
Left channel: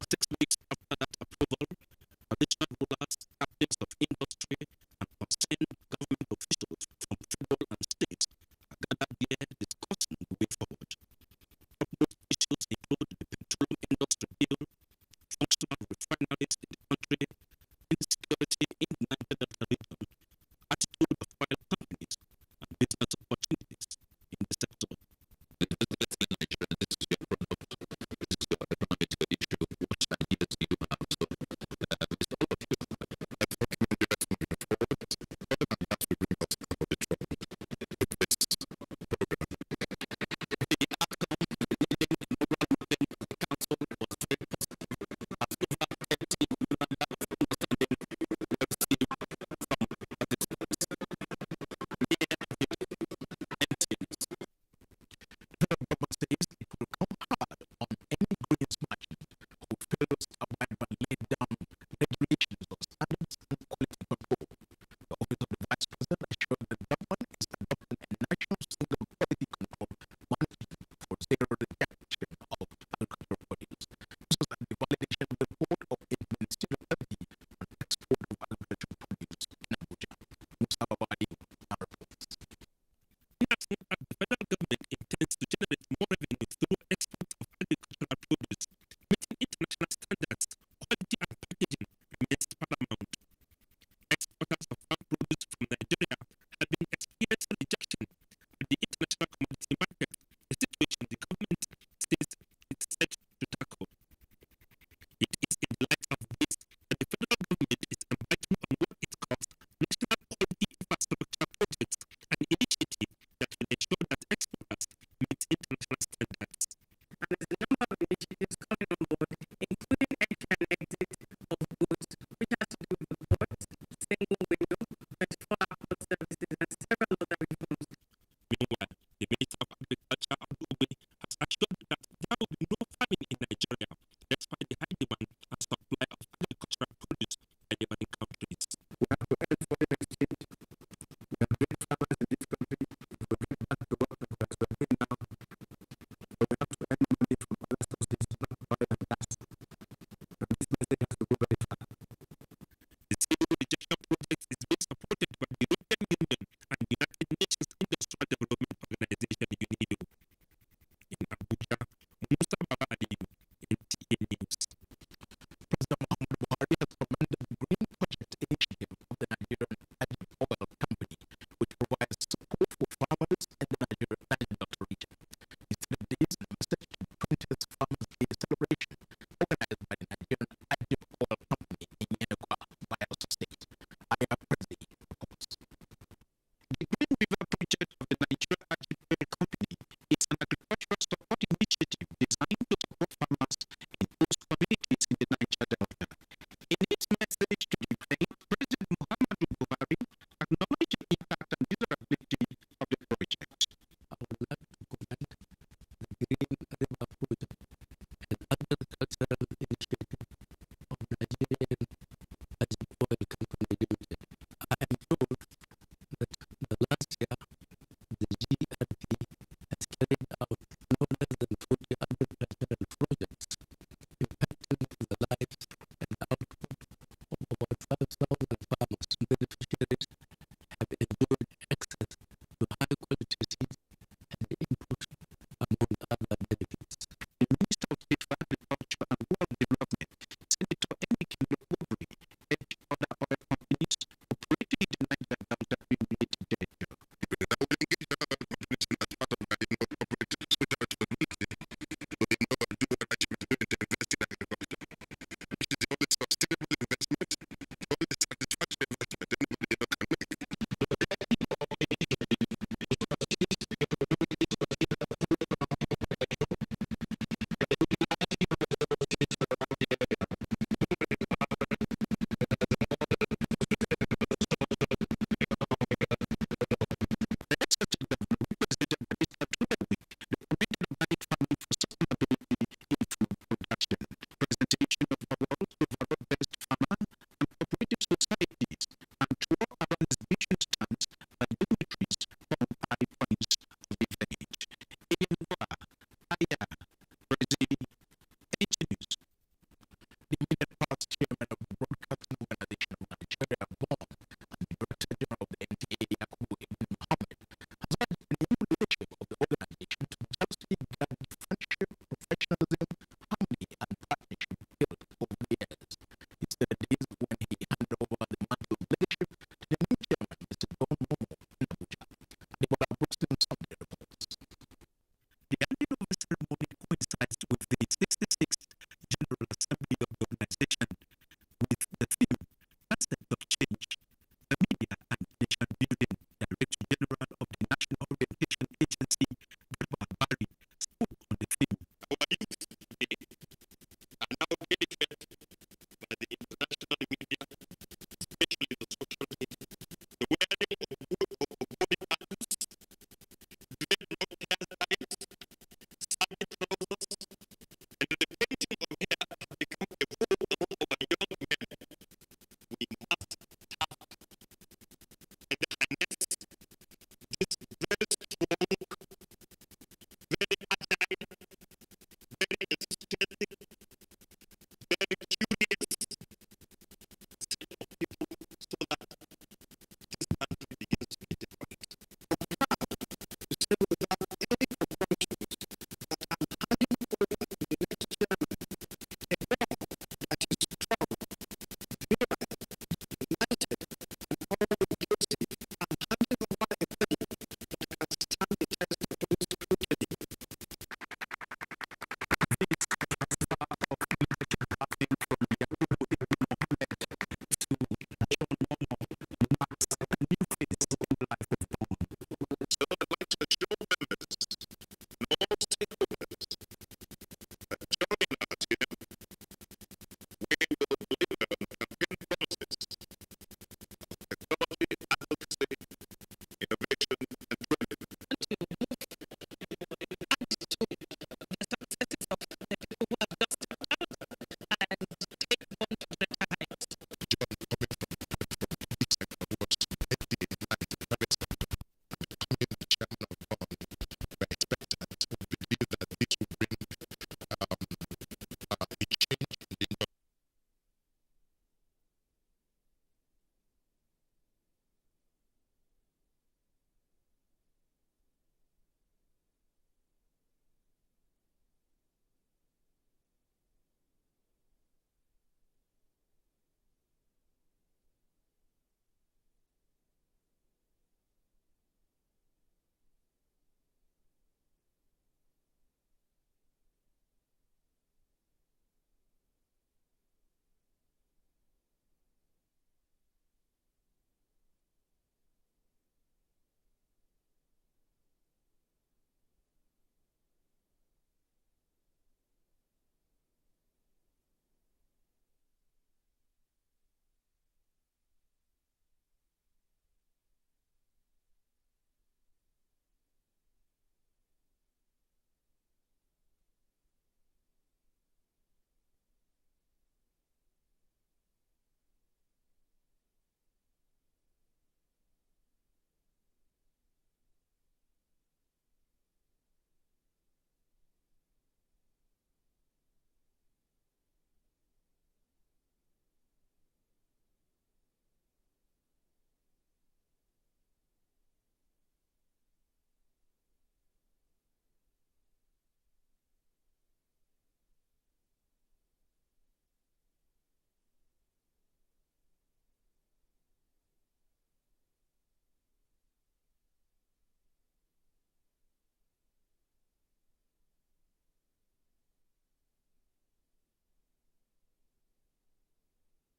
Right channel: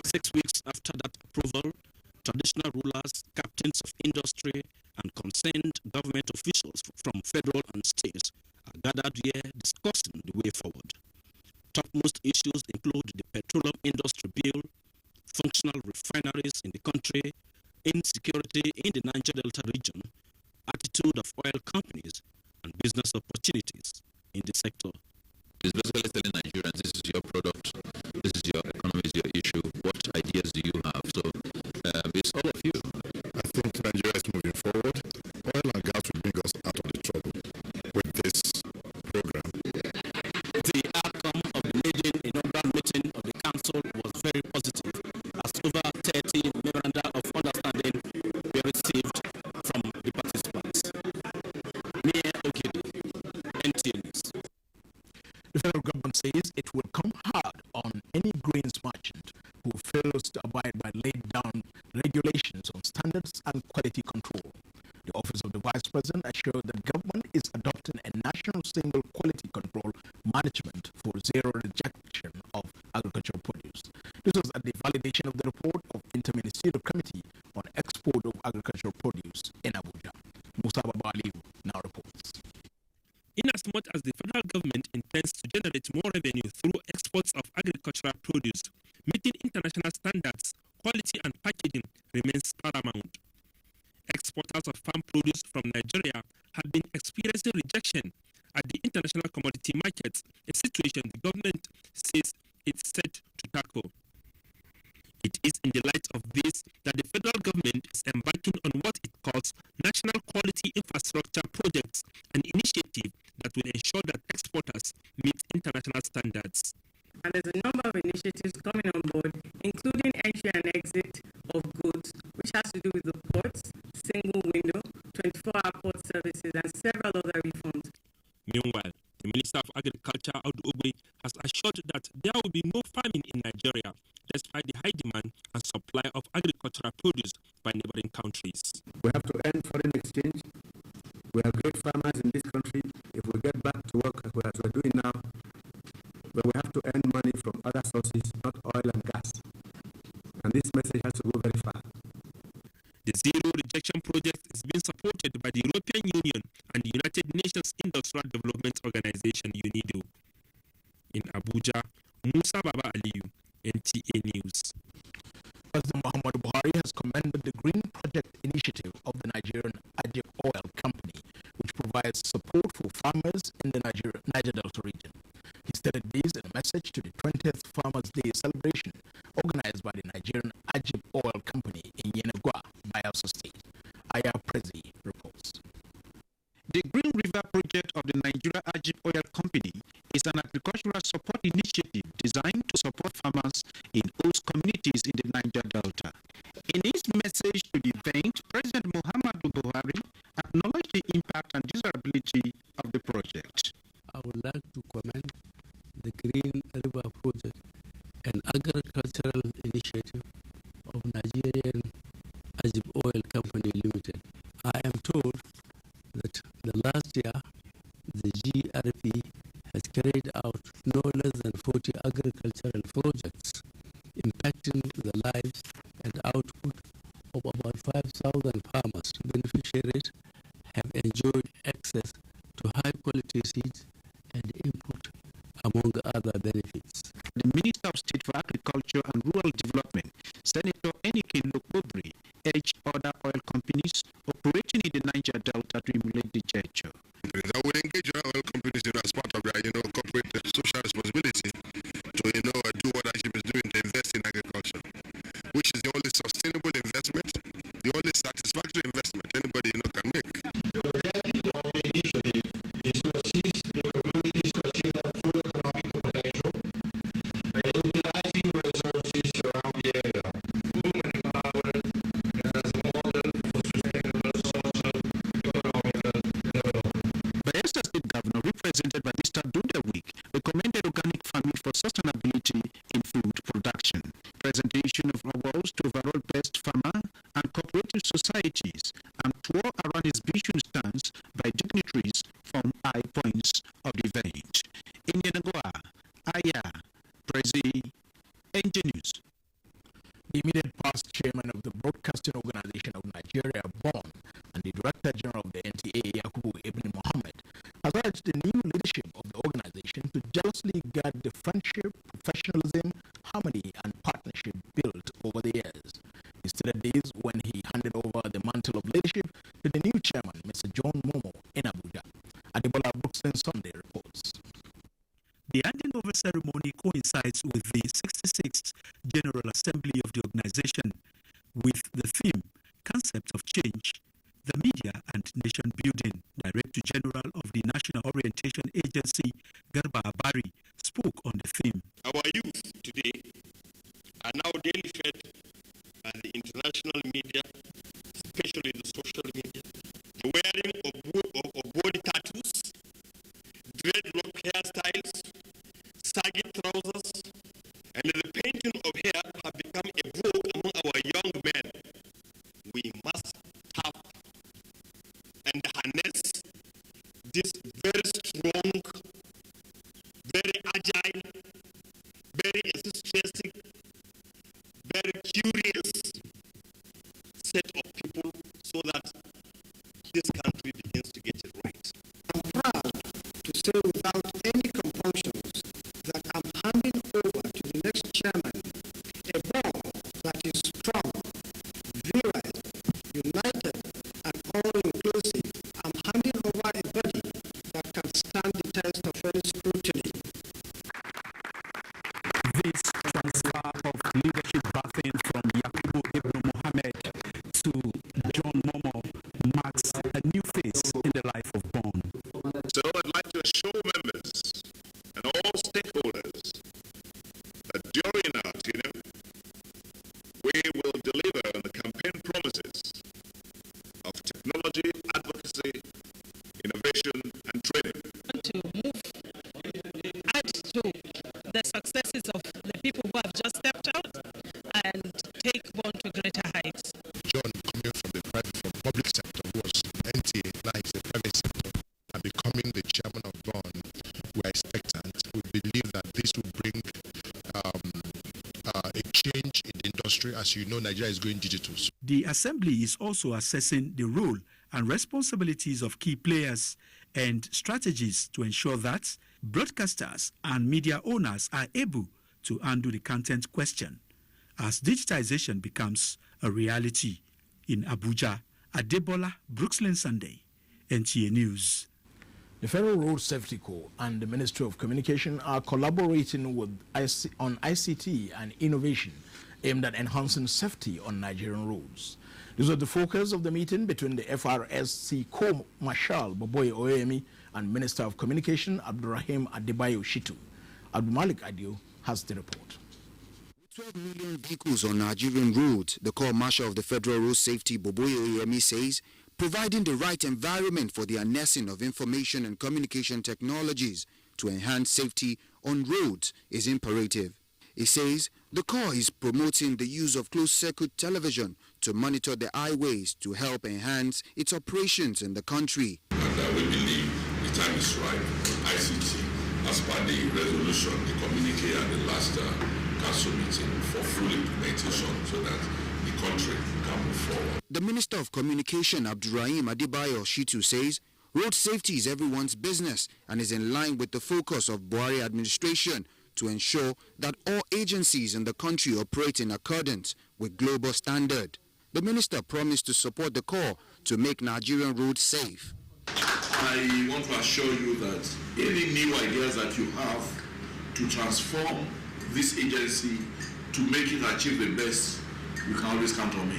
6 weeks after that approval, traditional rulers, captains of industry, and concerned government officials from federal and states are gathered here discussing the way forward. Topmost issues include the petroleum industry bill, functional refineries in the country, insecurity in the Niger Delta region, attitude of oil companies, and business opportunities in the sector. It's basically telling Nigerians, this is your product, this is your economy, is your issue, what ideas do you have? So it's all of you. I think Nigeria is moving forward. Oil and gas will bring us out of the trouble with this program. The outcome of the maiden inaugural meeting of the council was very positive, as over 30 memoranda of understanding were received from the participants. Mayor Ogidi, NTA News. The federal government says it will come hard on any grains merchant who fails to abide by laid down regulations on standards and quality control. The Office of the Vice President assured that government is adopting a national single quality control management for zero rejection of agricultural produce. This was at the validation of the report of Interministerial Committee on Export of Agricultural Produce in Abuja. Musa Baba Aliu now reports. Inasmuch as the federal government intends to generate more revenue through exports of agricultural produce, meeting international standards, quality and packaging remains paramount. Exporters of farm produce from Nigeria have been experiencing rejection at the international commodity markets, a situation the government says it's set to tackle. It is in the light of this that the federal government is embarking on what it calls National Quality Infrastructure Projects, an initiative that will ensure that exporters meet international standards. And there's a number of initiatives coming on board, including entry and exit of goods, which has to do with the ports, single window, 24-hour port services, and several other reforms. Meanwhile, the Minister of Agriculture, Audu Ogbe, has assured that there will be no famine in Nigeria, despite the high demand and supply of agricultural produce by neighboring countries. We have to end foreign exchange. We are great farmers in this country. If we get back to work as we're doing now, but we have to earn money from other sources, not oil and gas. And this message has to go very far. The Zero Rejection Project is being supported by the European Union and the United Nations Industrial Development Organization, UNIDO. In Abuja, Musa Baba Aliyu, NTA News. President Muhammadu Buhari has commended the Green Project initiative of the Nigerian Ajib Oil Company, which provides support for farmers in the Niger Delta region. He stated this in a message to the 20th Farmers' Day celebration organized by the Nigerian Ajib Oil Company in Yenagua, Bayelsa State. Aya Prezi reports. The Green River Project of the Nigeria Ajib Oil Company is an agricultural support initiative designed to support farmers in host communities in the Niger Delta. In his message to the event, President Muhammadu Buhari acknowledged the impact and desirability of the project. I would like to commend the Green River Project, an agricultural initiative of Nigerian Ajib Oil Company Limited. I am told that the last year the GRP has carried out no less than 40 agricultural projects impacting the lives and output of about 5,000 farmers. Beneficiaries have enjoyed access to high quality seeds and input among other benefits. The Minister of State for Agriculture and Rural Development, Senator Enikin Lokbobri, urged other oil companies operating in the Niger Delta to emulate the gesture. I will engage other oil companies, as part of their, corporate social responsibility to, do what IGP is doing, to invest in agriculture, which is the only sustainable investment, the only satisfactory investment anybody, can make. The objective of the initiative is to assist the communities to achieve their full economic potential by utilizing resources around the area. Women empowered and as a model for sustainable social, economical development. Bayelsa State Governor, represented by Mr. Dudawik, recommended organic farming for sustainability in food production. Presentation of awards to overall best farmer and cooperative societies and tour around exhibition stands by dignitaries form high points of the event. In Yenagoa, Aya, Prezi, NTA News. The immediate past chairman of the Broadcasting Organization of Nigeria, BON, and the Director General of the NTA, Yakubu Ibn Mohammed, has urged the new leadership of the organization to jealously guard the friendship, professionalism, harmony, and partnership built over the years. He stated this when he handed over the mantle of leadership to the new chairman, Mr. John Momo, in Abuja. Adebola Brooklyn Sunday reports. The handing over ceremony coincides with the 66th General Assembly of the organization, with the theme, Concept of Change, the Media and Nation Building. Director General of the National Orientation Agency, Garba Abari, spoke on the theme. Our youth today are now daily fed by the international media, especially the social media, the wearing of body tattoos, dreadlock hairstyles, saggy trousers, and the painting of hair have become a vogue among our young men. We must tap and harness this very strong, very agile, very enthusiastic, very curious set of people so that this country begins to get it right. I'm proud to say without any compunctions that I'm handing over to the next chairman a board that is strong, virile, united, and all-inclusive. I'm handing over a body that can stand the test of any scrutiny. This transfer of leadership baton from Yakubu Ibn Mohammed to John Momo marks a new phase in the life of BON. So I'd like to assure members and all stakeholders that during our tenure, we will deliver on the campaign promises of technology, advocacy, innovation, and training. I want to add to the successes of the people who have just stepped out and take BON to greater heights. John, coming from public sector, who was NTA, now he's a private sector, and becoming the chairman of BON, we are expectant. We believe that this will bring a change in the industry. As you know, Nigeria is going digital. The Assembly is also assessing the role and responsibilities of key players and strategies to ensure that broadcasters and media owners are able to handle the content question as digitization becomes a reality. In Abuja, Adebola Brooklyn Sunday, NTA News. The Federal Road Safety Corps and the Ministry of Communication are collaborating on ICT and innovation aimed at enhancing safety on Nigerian roads. This was the focus of the meeting between the FRSC Co-Marshal Boboye Oyemi and Minister of Communication Abdurrahim Adebayo Shitu. Abdulmalik Adio has the report. 12 million vehicles on Nigerian roads, the Co-Marshal of the Federal Road Safety Boboye Oyemi says, providing the right environment for the harnessing of information and communication technologies to enhance safety on roads is imperative. He says the Corps is promoting the use of closed-circuit television to monitor the highways to help enhance its operations in the country. And we believe the time is right for ICT, as per the resolution, the communique at the last council meeting, for full implementation so that the country can move forward. The Minister of Communication, Abdurrahim Adebayo Shitu, says Road safety is everyone's business and is in line with the focus of Buhari administration to ensure that all agencies in the country operate in accordance with global standard. The minister promised to support the call to make Nigerian roads safe. I want to assure you that any new ideas that you have to transform this agency to make it achieve the best, you can always count on me.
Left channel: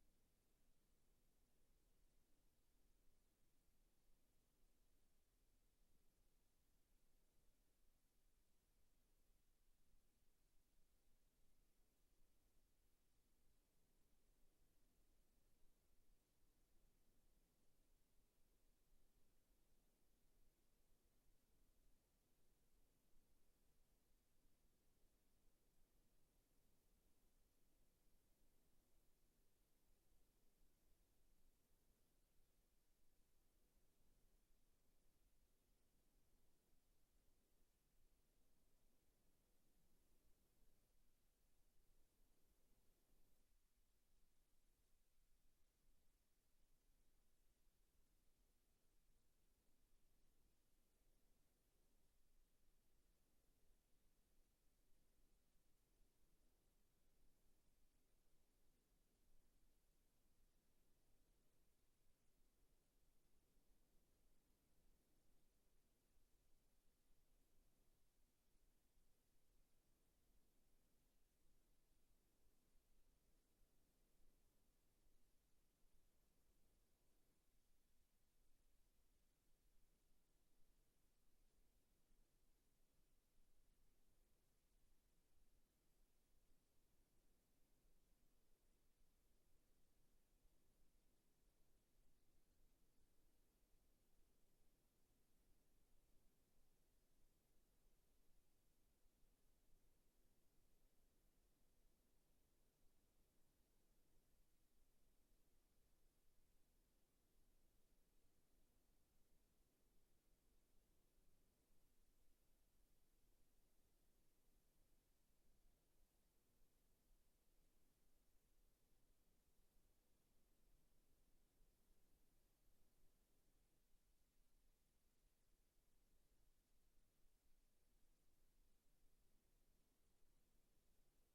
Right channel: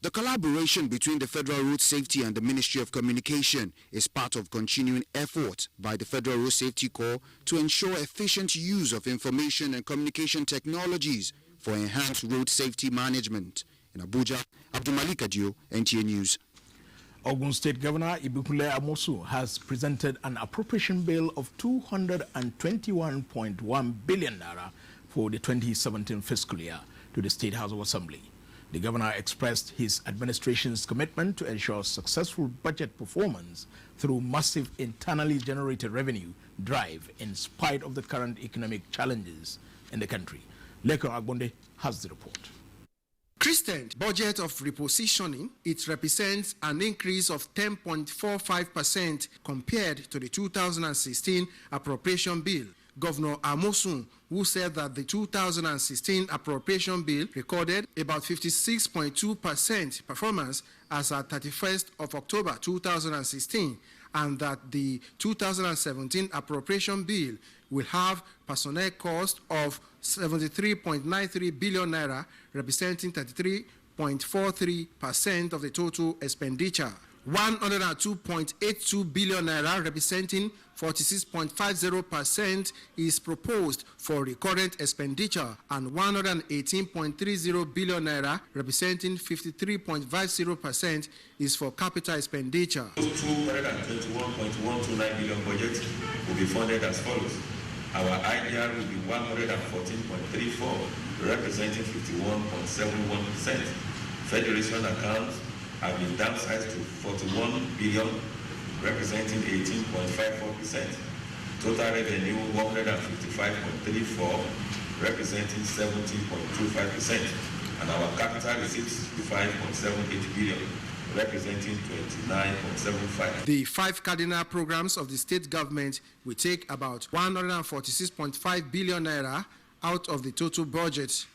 The collaboration between the Federal Road Safety and the Ministry of Communication is part of continuing efforts by the Federal Road Safety Corps to ensure efficient use of information and communication technologies for enhanced road safety management. In Abuja, Abdulmalik Adio, NTA News. Ogun State Governor Ibukule Amosu has presented an appropriation bill of 221.1 billion naira for the 2017 fiscal year to the State House of Assembly. The governor expressed his administration's commitment to ensure successful budget performance through massive internally generated revenue drive in spite of the current economic challenges in the country. Lekon Agbonde has the report. Christened budget of repositioning, it represents an increase of 10.45% compared to the 2016 appropriation bill. Governor Amosun, who said that the 2016 appropriation bill recorded about 56.2% performance as at 31st of October 2016, and that the 2017 appropriation bill will have personnel cost of 73.93 billion naira, representing 33.43% of the total expenditure. 102.82 billion naira, representing 46.50%, is proposed for recurrent expenditure, and 118.30 billion naira, representing 53.50%, is for capital expenditure. 221.129 billion budget will be funded as follows. Our IDR will be 114.34, representing 51.71%. Federation accounts have been downsized to 41 billion, representing 18.54%. Total revenue 155.34, representing 70.25%. And our capital receipts 65.78 billion, representing 29.75. The 5 cardinal programs of the state government will take about 146.5 billion naira out of the total budget.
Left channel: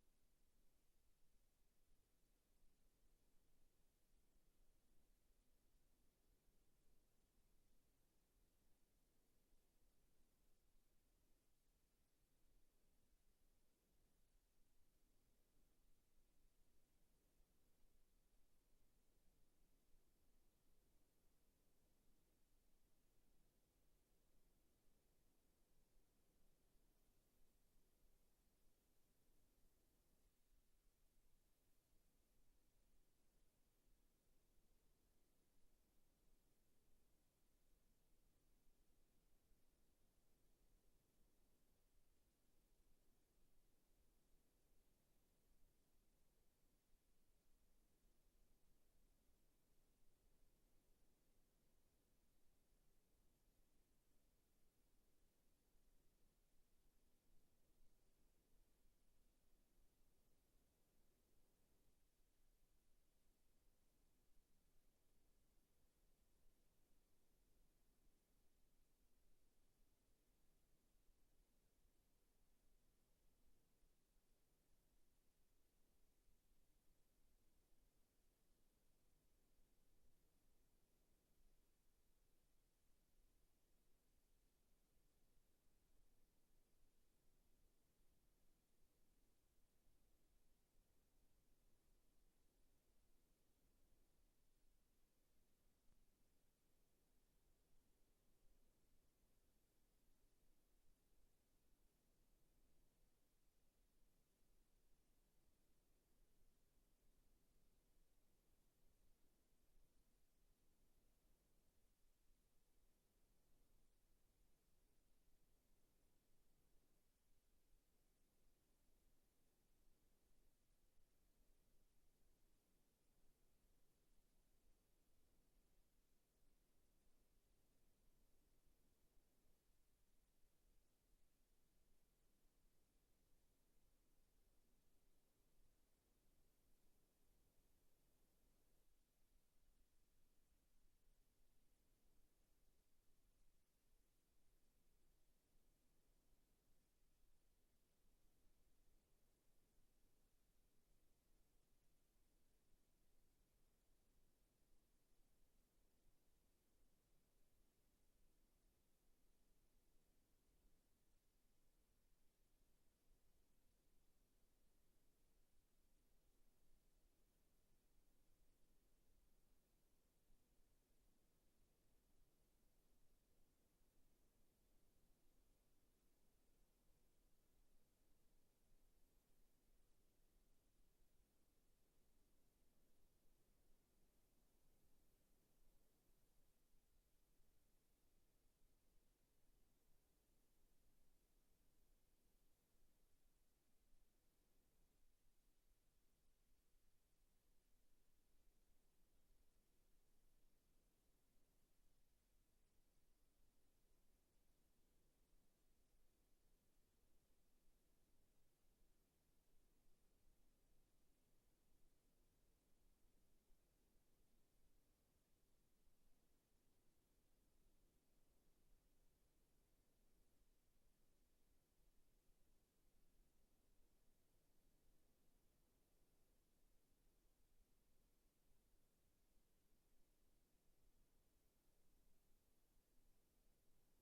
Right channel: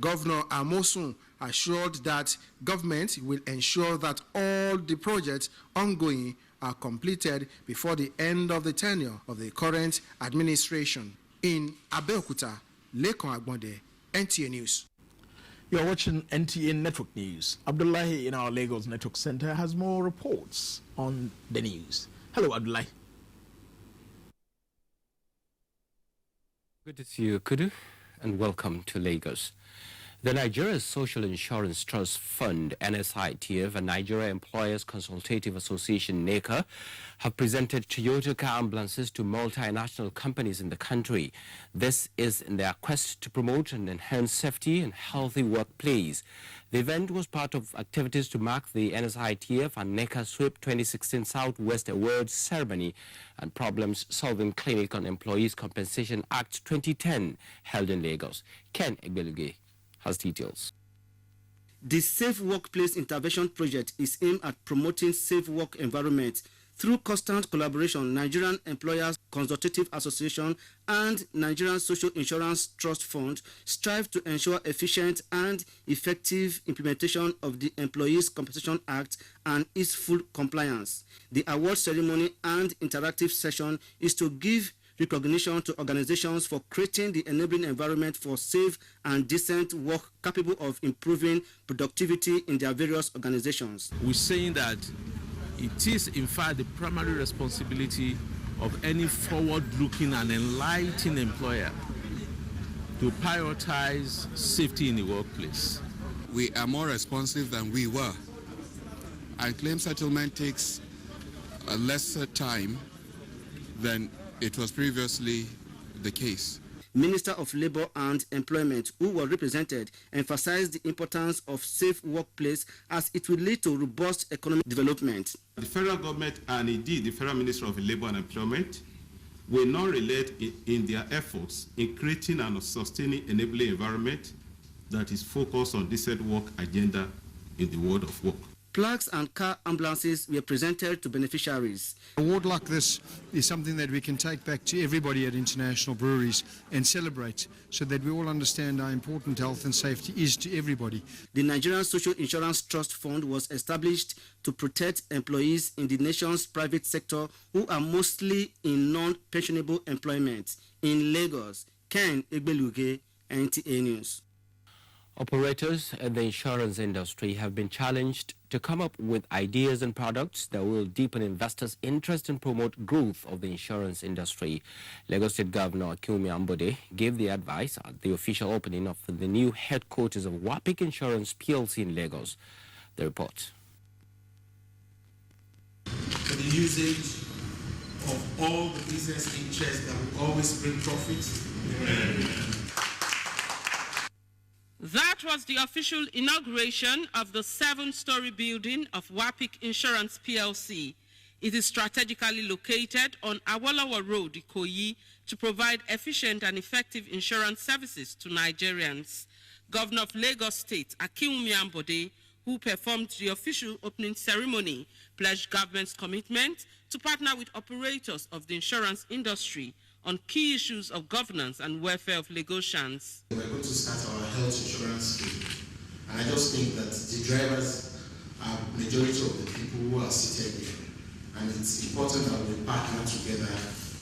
Governor Amosun assured that government will ensure that all the projects ongoing are completed before the end of the tenure of the current administration. In Abeokuta, Lekon Agbonde, NTA News. You are watching NTA Network News. Abdullahi in our Lagos Network Center has more reports on the news. Hello, Abdullahi. Good to see you, Kudu, and welcome to Lagos. The Nigeria Social Insurance Trust Fund, NSITF, and Nigeria Employers Consultative Association, NECA, have presented Toyota car ambulances to multinational companies in the country. This is in their quest to promote and enhance safety and healthy workplace. The event was part of activities to mark the NSITF and NECA SWIP 2016 Southwest Awards ceremony and Problems Solving Clinic on Employees Compensation Act 2010 held in Lagos. Ken Egbeluge has details. The Safe Workplace Intervention Project is aimed at promoting safe work environments through constant collaboration. Nigerian Employers Consultative Association and Nigerian Social Insurance Trust Fund strive to ensure efficient and effective implementation of the Employees Compensation Act and its full compliance. The award ceremony and interactive session is to give recognition to organizations for creating the enabling environment for safe and decent work capable of improving productivity in their various organizations. We're saying that it is in fact the primary responsibility of any forward-looking and enlightened employer to prioritize safety in the workplace. We are more responsive than we were, and claim settlement takes a lesser time than it was previously the case. Minister of Labour and Employment, who were represented, emphasized the importance of safe workplace as it will lead to robust economic development. The federal government and indeed the Federal Ministry of Labour and Employment will not relate in their efforts in creating and sustaining enabling environment that is focused on decent work agenda in the world of work. Plaques and car ambulances were presented to beneficiaries. An award like this is something that we can take back to everybody at international breweries and celebrate, so that we all understand how important health and safety is to everybody. The Nigerian Social Insurance Trust Fund was established to protect employees in the nation's private sector who are mostly in non-pensionable employment. In Lagos, Ken Egbeluge, NTA News. Operators in the insurance industry have been challenged to come up with ideas and products that will deepen investors' interest and promote growth of the insurance industry. Lagos State Governor Akinwumi Ambode gave the advice at the official opening of the new headquarters of WAPIC Insurance PLC in Lagos. The report. For the usage of all the business interests that will always bring profits. That was the official inauguration of the 7-story building of WAPIC Insurance PLC. It is strategically located on Awolowo Road, Ikoyi, to provide efficient and effective insurance services to Nigerians. Governor of Lagos State, Akinwumi Ambode, who performed the official opening ceremony, pledged government's commitment to partner with operators of the insurance industry on key issues of governance and welfare of Lagosians. We're going to start our health insurance scheme, and I just think that the drivers are majority of the people who are seated here, and it's important that we partner together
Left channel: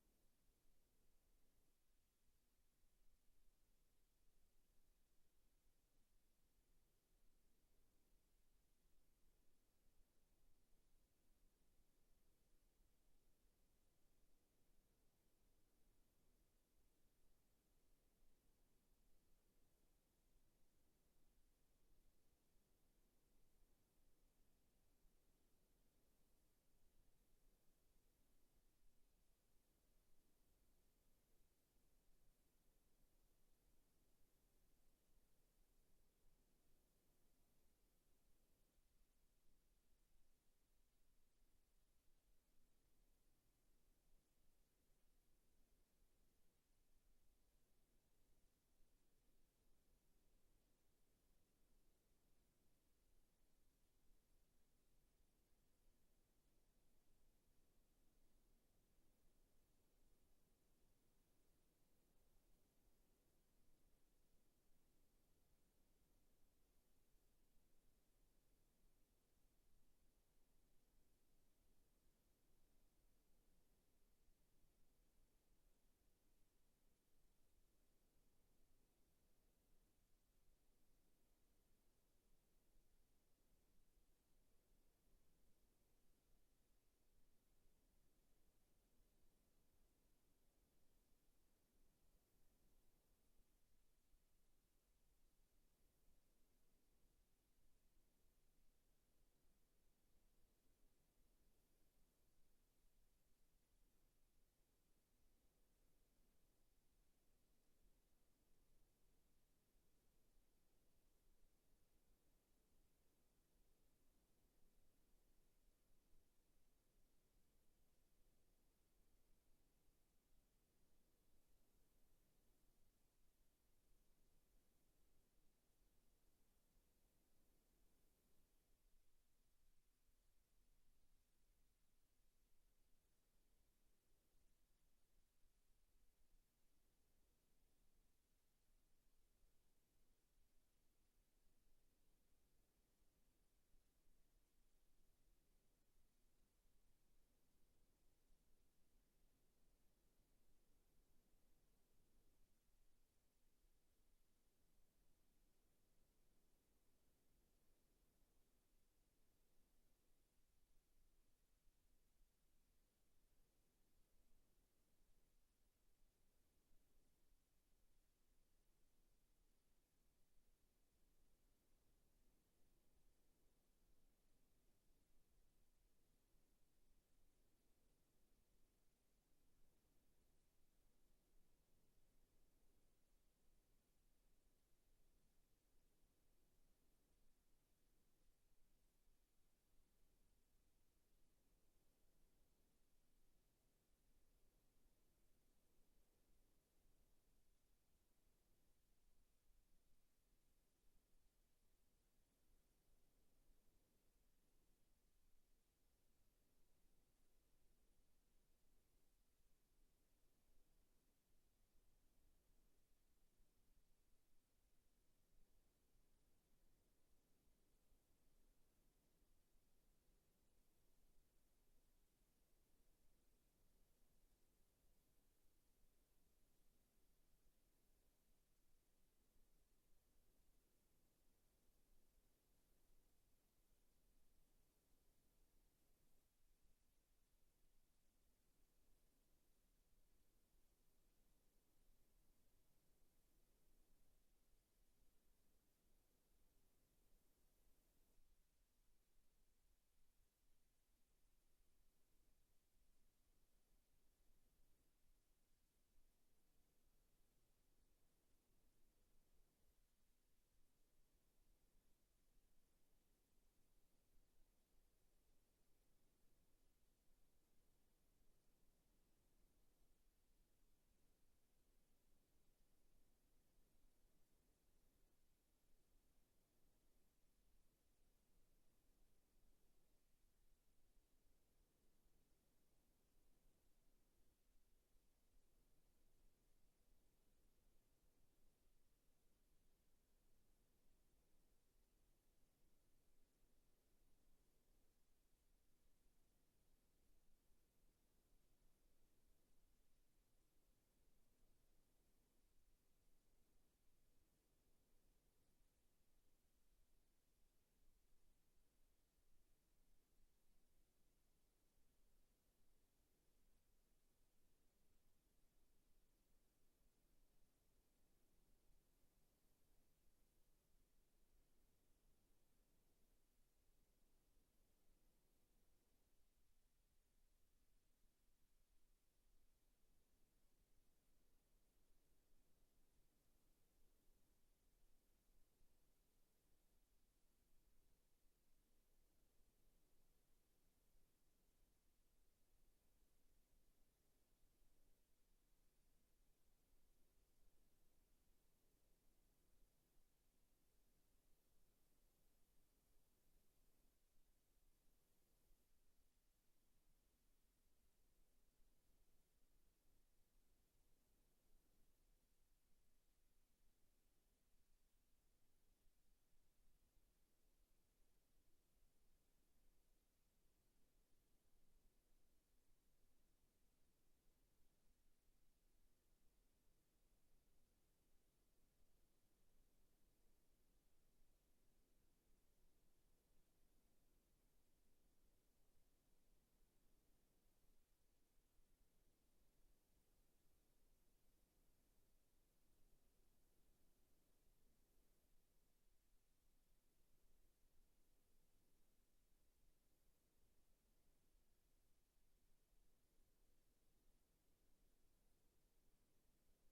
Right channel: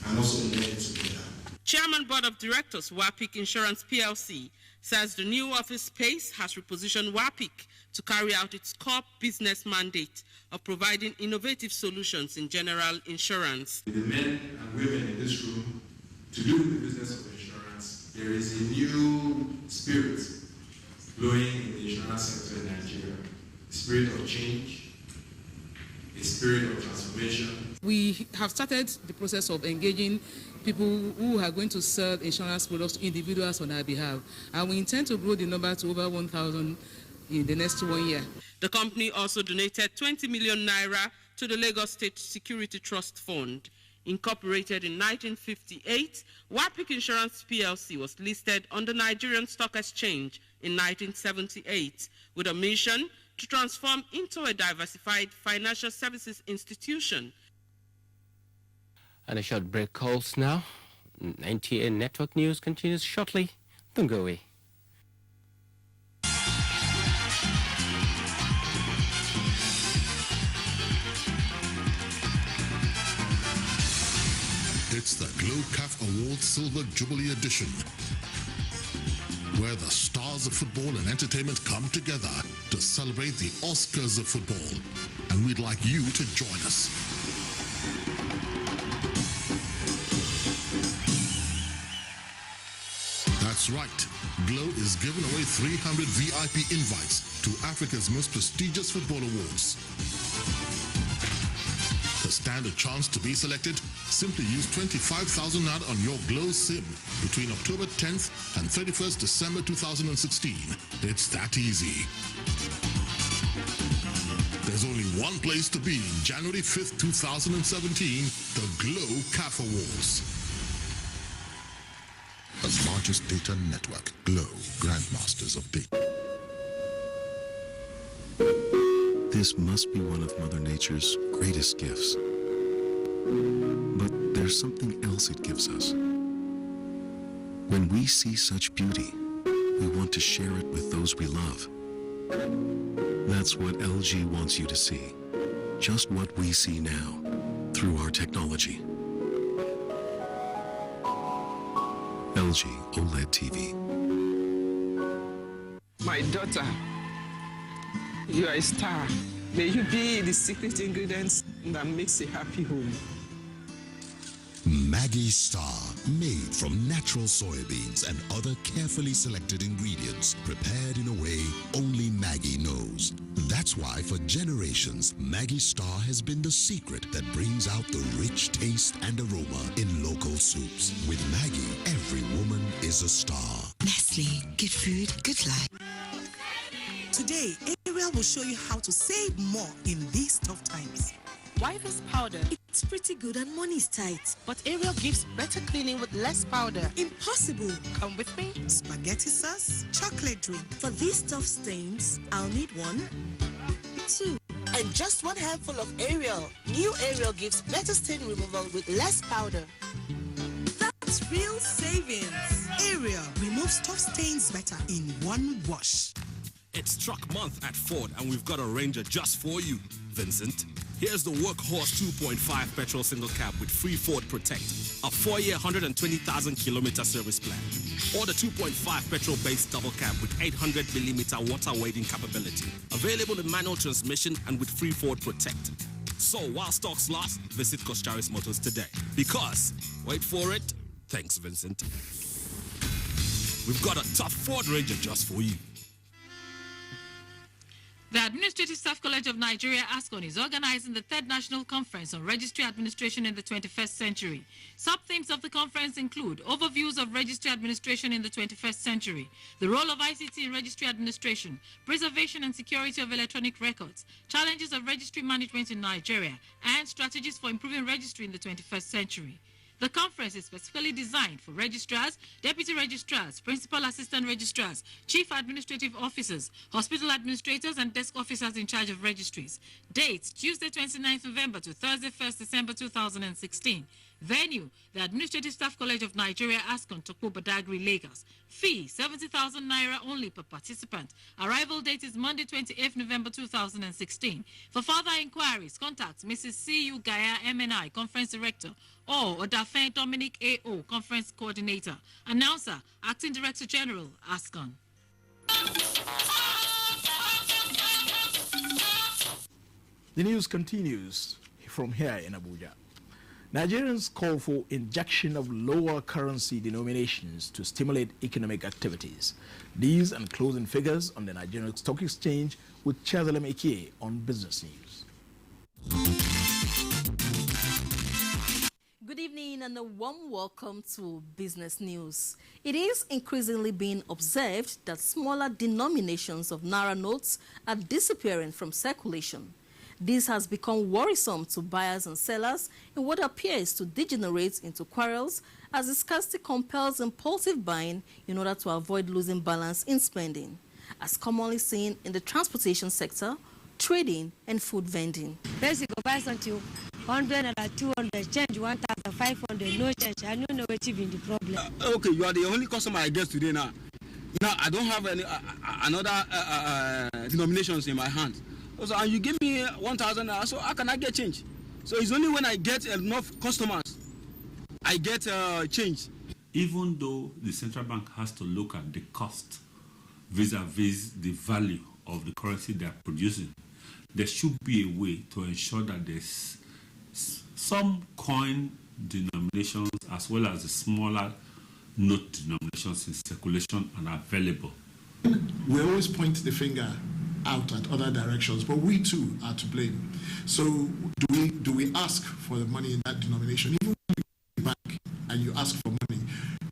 and also learn together. Chairman Board of Directors, WAPIC Insurance PLC, says the new office space has repositioned WAPIC to carry out its core business mandate of providing innovative solutions in general insurance. The men and women in this room, to do with the business of insurance, there is a new spirit blowing in the insurance sector in Nigeria. A spirit of change, a spirit of transformation. We have started the process of engaging people who are going to sell insurance products to individuals on our behalf, and we intend to grow the number to over 1,000 in the next 1 year. The company also donated 20 million naira to the Lagos State Security Trust Fund. Incorporated in 1958, WAPIC Insurance PLC was listed on the Nigerian Stock Exchange in 1978 with a mission to transform into a diversified financial services institution. And a short break calls now. NTA Network News continues shortly. Don't go away. It's the Glow CAF Awards Silver Jubilee Edition, where the stars of football and entertainment come together to celebrate the Oscars of football. And we'd like you to join us. That's right. Glow is giving away 300 VIP invites to Africa's most prestigious football awards. To stand a chance to be selected, simply use 25,000 Naira on your Glow SIM between October 10th and 31st December 2016. It's that easy. There's only one place to be January 5th, 2017, the Glow CAF Awards. The largest data network, Glow, Grandmasters of Data. This must be one of Mother Nature's greatest gifts. But there's something else it gives us. When we see such beauty, we want to share it with those we love. That's what LG wants you to see. Just what we see now, through our technology. LG OLED TV. My daughter, you are a star. May you be the secret ingredients that makes a happy home. Maggi Star, made from natural soybeans and other carefully selected ingredients, prepared in a way only Maggi knows. That's why for generations, Maggi Star has been the secret that brings out the rich taste and aroma in local soups. With Maggi, every woman is a star. Nestle, good food, good life. Today, Ariel will show you how to save more in these tough times. Why this powder? It's pretty good and money's tight. But Ariel gives better cleaning with less powder. Impossible. Come with me. Spaghetti sauce, chocolate drink. For these tough stains, I'll need 1, 2, and just one handful of Ariel. New Ariel gives better stain removal with less powder. That's real savings. Ariel removes tough stains better in one wash. It's truck month at Ford, and we've got a Ranger just for you, Vincent. Here's the Workhorse 2.5 petrol single cab with free Ford Protect, a 4-year, 120,000-kilometer service plan. Or the 2.5 petrol-based double cab with 800mm water wading capability. Available in manual transmission and with free Ford Protect. So while stocks last, visit Koscharis Motors today. Because, wait for it, thanks Vincent, we've got a tough Ford Ranger just for you. The Administrative Staff College of Nigeria, ASCON, is organizing the 3rd National Conference on Registry Administration in the 21st Century. Sub-themes of the conference include overviews of registry administration in the 21st century, the role of ICT in registry administration, preservation and security of electronic records, challenges of registry management in Nigeria, and strategies for improving registry in the 21st century. The conference is specifically designed for registrars, deputy registrars, principal assistant registrars, chief administrative officers, hospital administrators, and desk officers in charge of registries. Date, Tuesday 29th November to Thursday 1st December 2016. Venue, the Administrative Staff College of Nigeria, ASCON, Tokpo Badagry, Lagos. Fee, 70,000 naira only per participant. Arrival date is Monday 28th November 2016. For further inquiries, contact Mrs. C.U. Gaya, MNI, Conference Director, or Odafen Dominic A.O., Conference Coordinator. Announcer, Acting Director General, ASCON. The news continues from here in Abuja. Nigerians call for injection of lower currency denominations to stimulate economic activities. These and closing figures on the Nigerian Stock Exchange with Chazalem Ekie on Business News. Good evening and a warm welcome to Business News. It is increasingly being observed that smaller denominations of Naira notes are disappearing from circulation. This has become worrisome to buyers and sellers in what appears to degenerate into quarrels as the scarcity compels impulsive buying in order to avoid losing balance in spending, as commonly seen in the transportation sector, trading, and food vending. Basic buy something 100 and 200, change 1,500, no change. I don't know what even the problem. Okay, you are the only customer I get today now. Now I don't have any another denominations in my hand. So, and you give me 1,000, so how can I get change? So it's only when I get enough customers, I get change. Even though the central bank has to look at the cost vis-a-vis the value of the currency they are producing, there should be a way to ensure that there's some coin denominations as well as the smaller note denominations in circulation and available. We always point the finger out at other directions, but we too are to blame. So do we ask for the money in that denomination? Even when you go to the bank and you ask for money,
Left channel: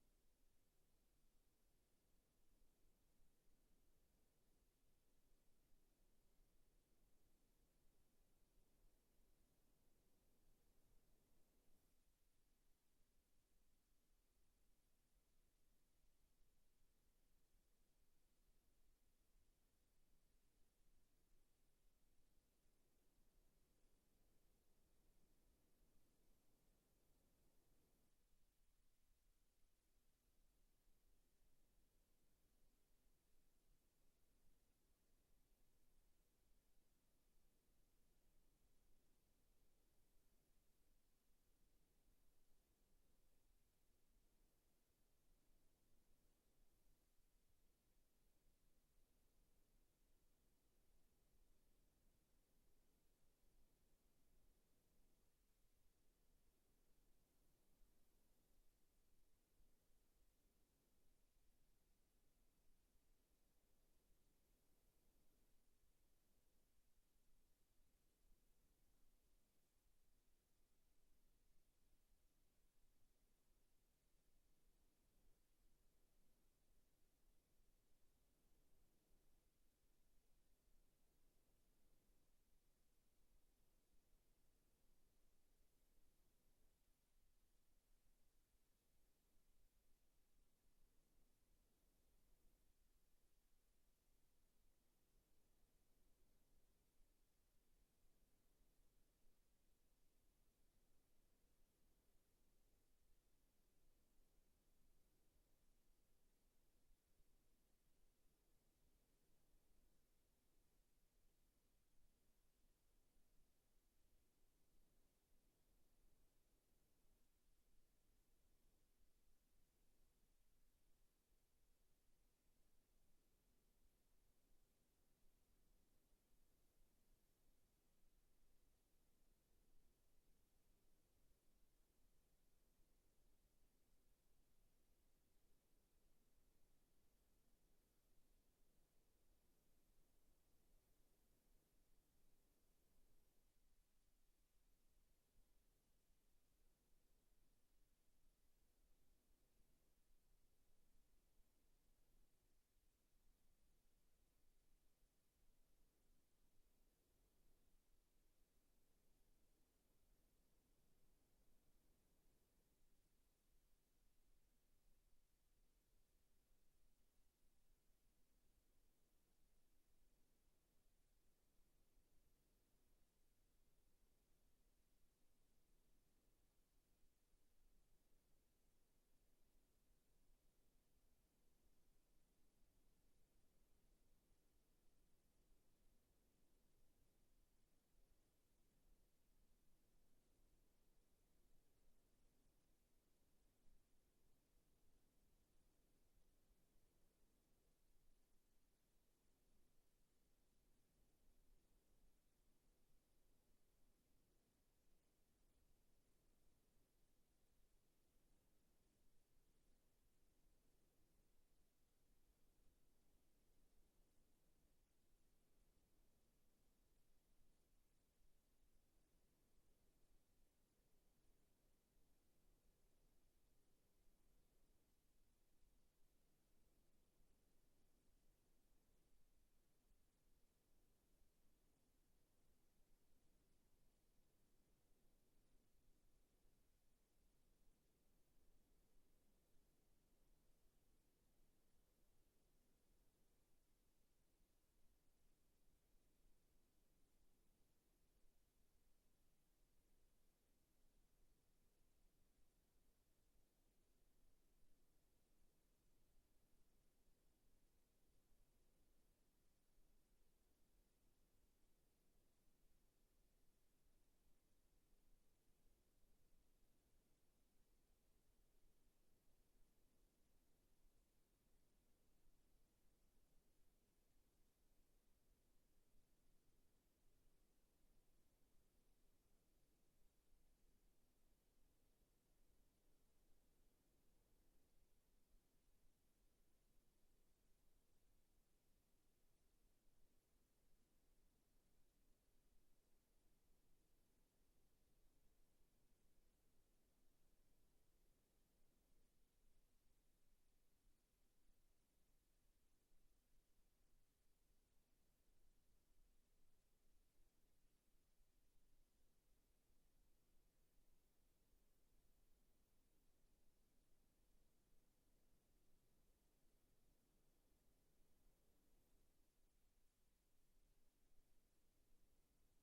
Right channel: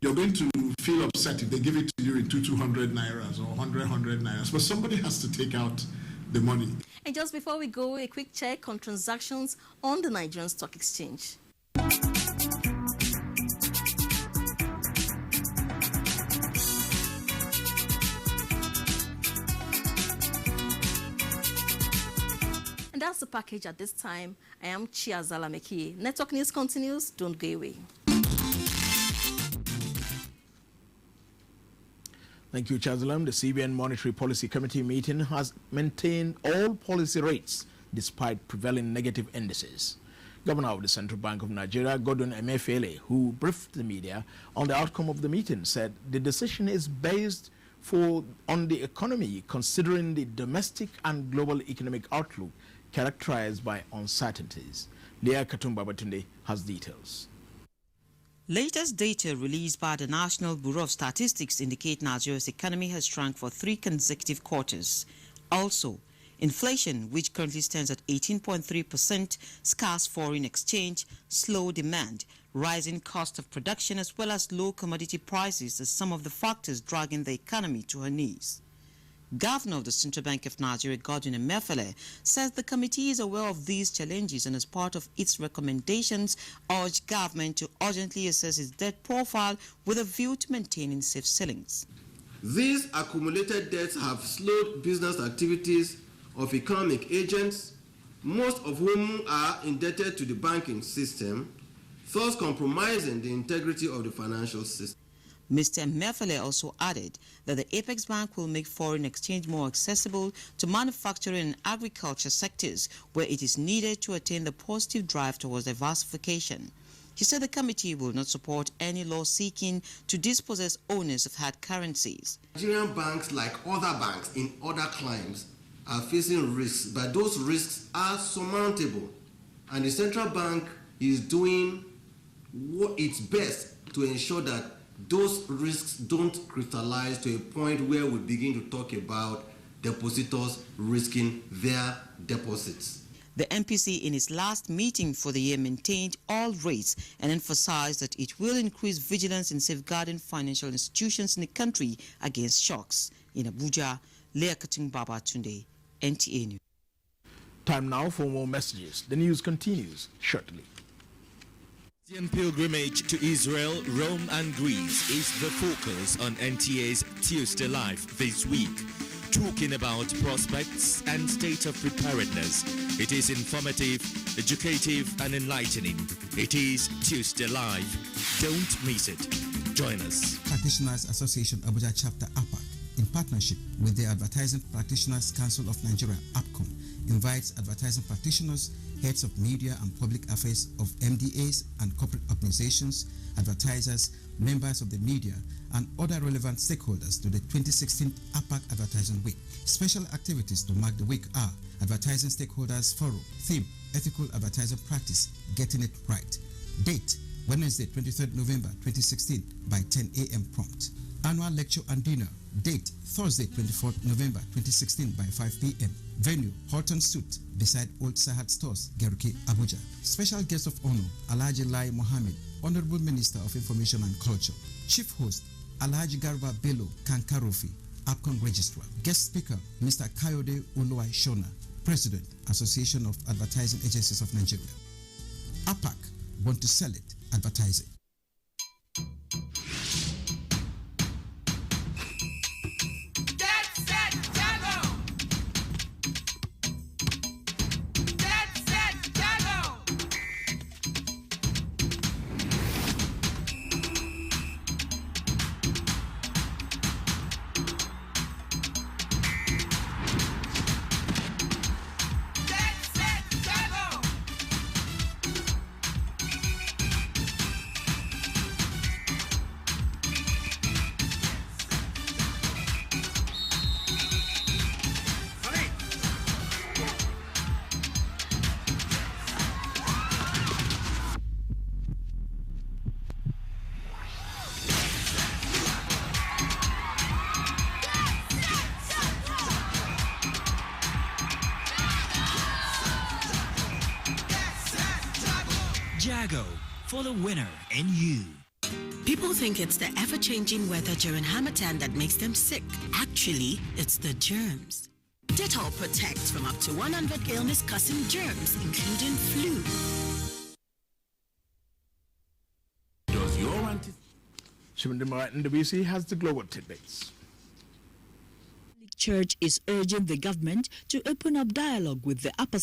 you're going to feel upset if they give it to you in 200 nairas or 100 nairas, but somebody has to take out the money. And just before we go, a quick check on transactions on the Nigerian Stock Exchange. And that's the package at this time. I am Chia Zalameki. Network News continues. Don't go away. Thank you, Chazalam. The CBN Monetary Policy Committee meeting has maintained all policy rates despite prevailing negative indices. Governor of the Central Bank of Nigeria, Godwin Emefiele, who briefed the media on the outcome of the meeting, said the decision is based on the economy, considering the domestic and global economic outlook characterized by uncertainties. Leah Katumba Batunde has details. Latest data released by the National Bureau of Statistics indicate Nigeria's economy has shrunk for 3 consecutive quarters. Also, inflation, which currently stands at 18.3%, scarce foreign exchange, slow demand, rising cost of production, as well as low commodity prices are some of the factors dragging the economy to her knees. Governor of the Central Bank of Nigeria, Godwin Emefiele, says the committee is aware of these challenges and as part of its recommendations urged government to urgently assess its debt profile with a view to maintaining safe ceilings. These accumulated debts have slowed business activities of economic agents, most of whom are indebted to the banking system, thus compromising the integrity of the financial system. Mr. Mefele also added that the Apex Bank will make foreign exchange more accessible to manufacturing and agriculture sectors where it is needed to attain the positive drive towards diversification. He said the committee will not support any law seeking to dispossess owners of hard currencies. Nigerian banks, like other banks in other climes, are facing risks, but those risks are surmountable. And the central bank is doing its best to ensure that those risks don't crystallize to a point where we begin to talk about depositors risking their deposits. The MPC in its last meeting for the year maintained all rates and emphasized that it will increase vigilance in safeguarding financial institutions in the country against shocks. In Abuja, Leah Baba Tunde, NTA News. Time now for more messages. The news continues shortly. Christian pilgrimage to Israel, Rome and Greece is the focus on NTA's Tuesday Live this week. Talking about prospects and state of preparedness. It is informative, educative and enlightening. It is Tuesday Live. Don't miss it. Join us. Practitioners Association Abuja Chapter APAC, in partnership with the Advertising Practitioners Council of Nigeria, APCOM, invites advertising practitioners, heads of media and public affairs of MDAs and corporate organizations, advertisers, members of the media, and other relevant stakeholders to the 2016 APAC Advertising Week. Special activities to mark the week are Advertising Stakeholders Forum, theme, Ethical Advertising Practice, Getting It Right. Date, Wednesday, 23rd November 2016 by 10 a.m. prompt. Annual lecture and dinner. Date, Thursday, 24th November 2016 by 5 p.m. Venue, Horton Suit, beside Old Sahad Stores, Geruke, Abuja. Special guest of honor, Alhaji Lai Mohammed, Honorable Minister of Information and Culture. Chief host, Alhaji Garba Bello Kankarofi, APCON Registrar. Guest speaker, Mr. Kayode Oluwai Shona, President, Association of Advertising Agencies of Nigeria. APAC, want to sell it, advertise it. Jago, for the winner in you. People think it's the ever-changing weather during Harmattan that makes them sick. Actually, it's the germs. Dettol protects from up to 100 illness-causing germs, including flu. Does your Shimindimara NWC has the global tidbits. Church is urging the government to open up dialogue with the upper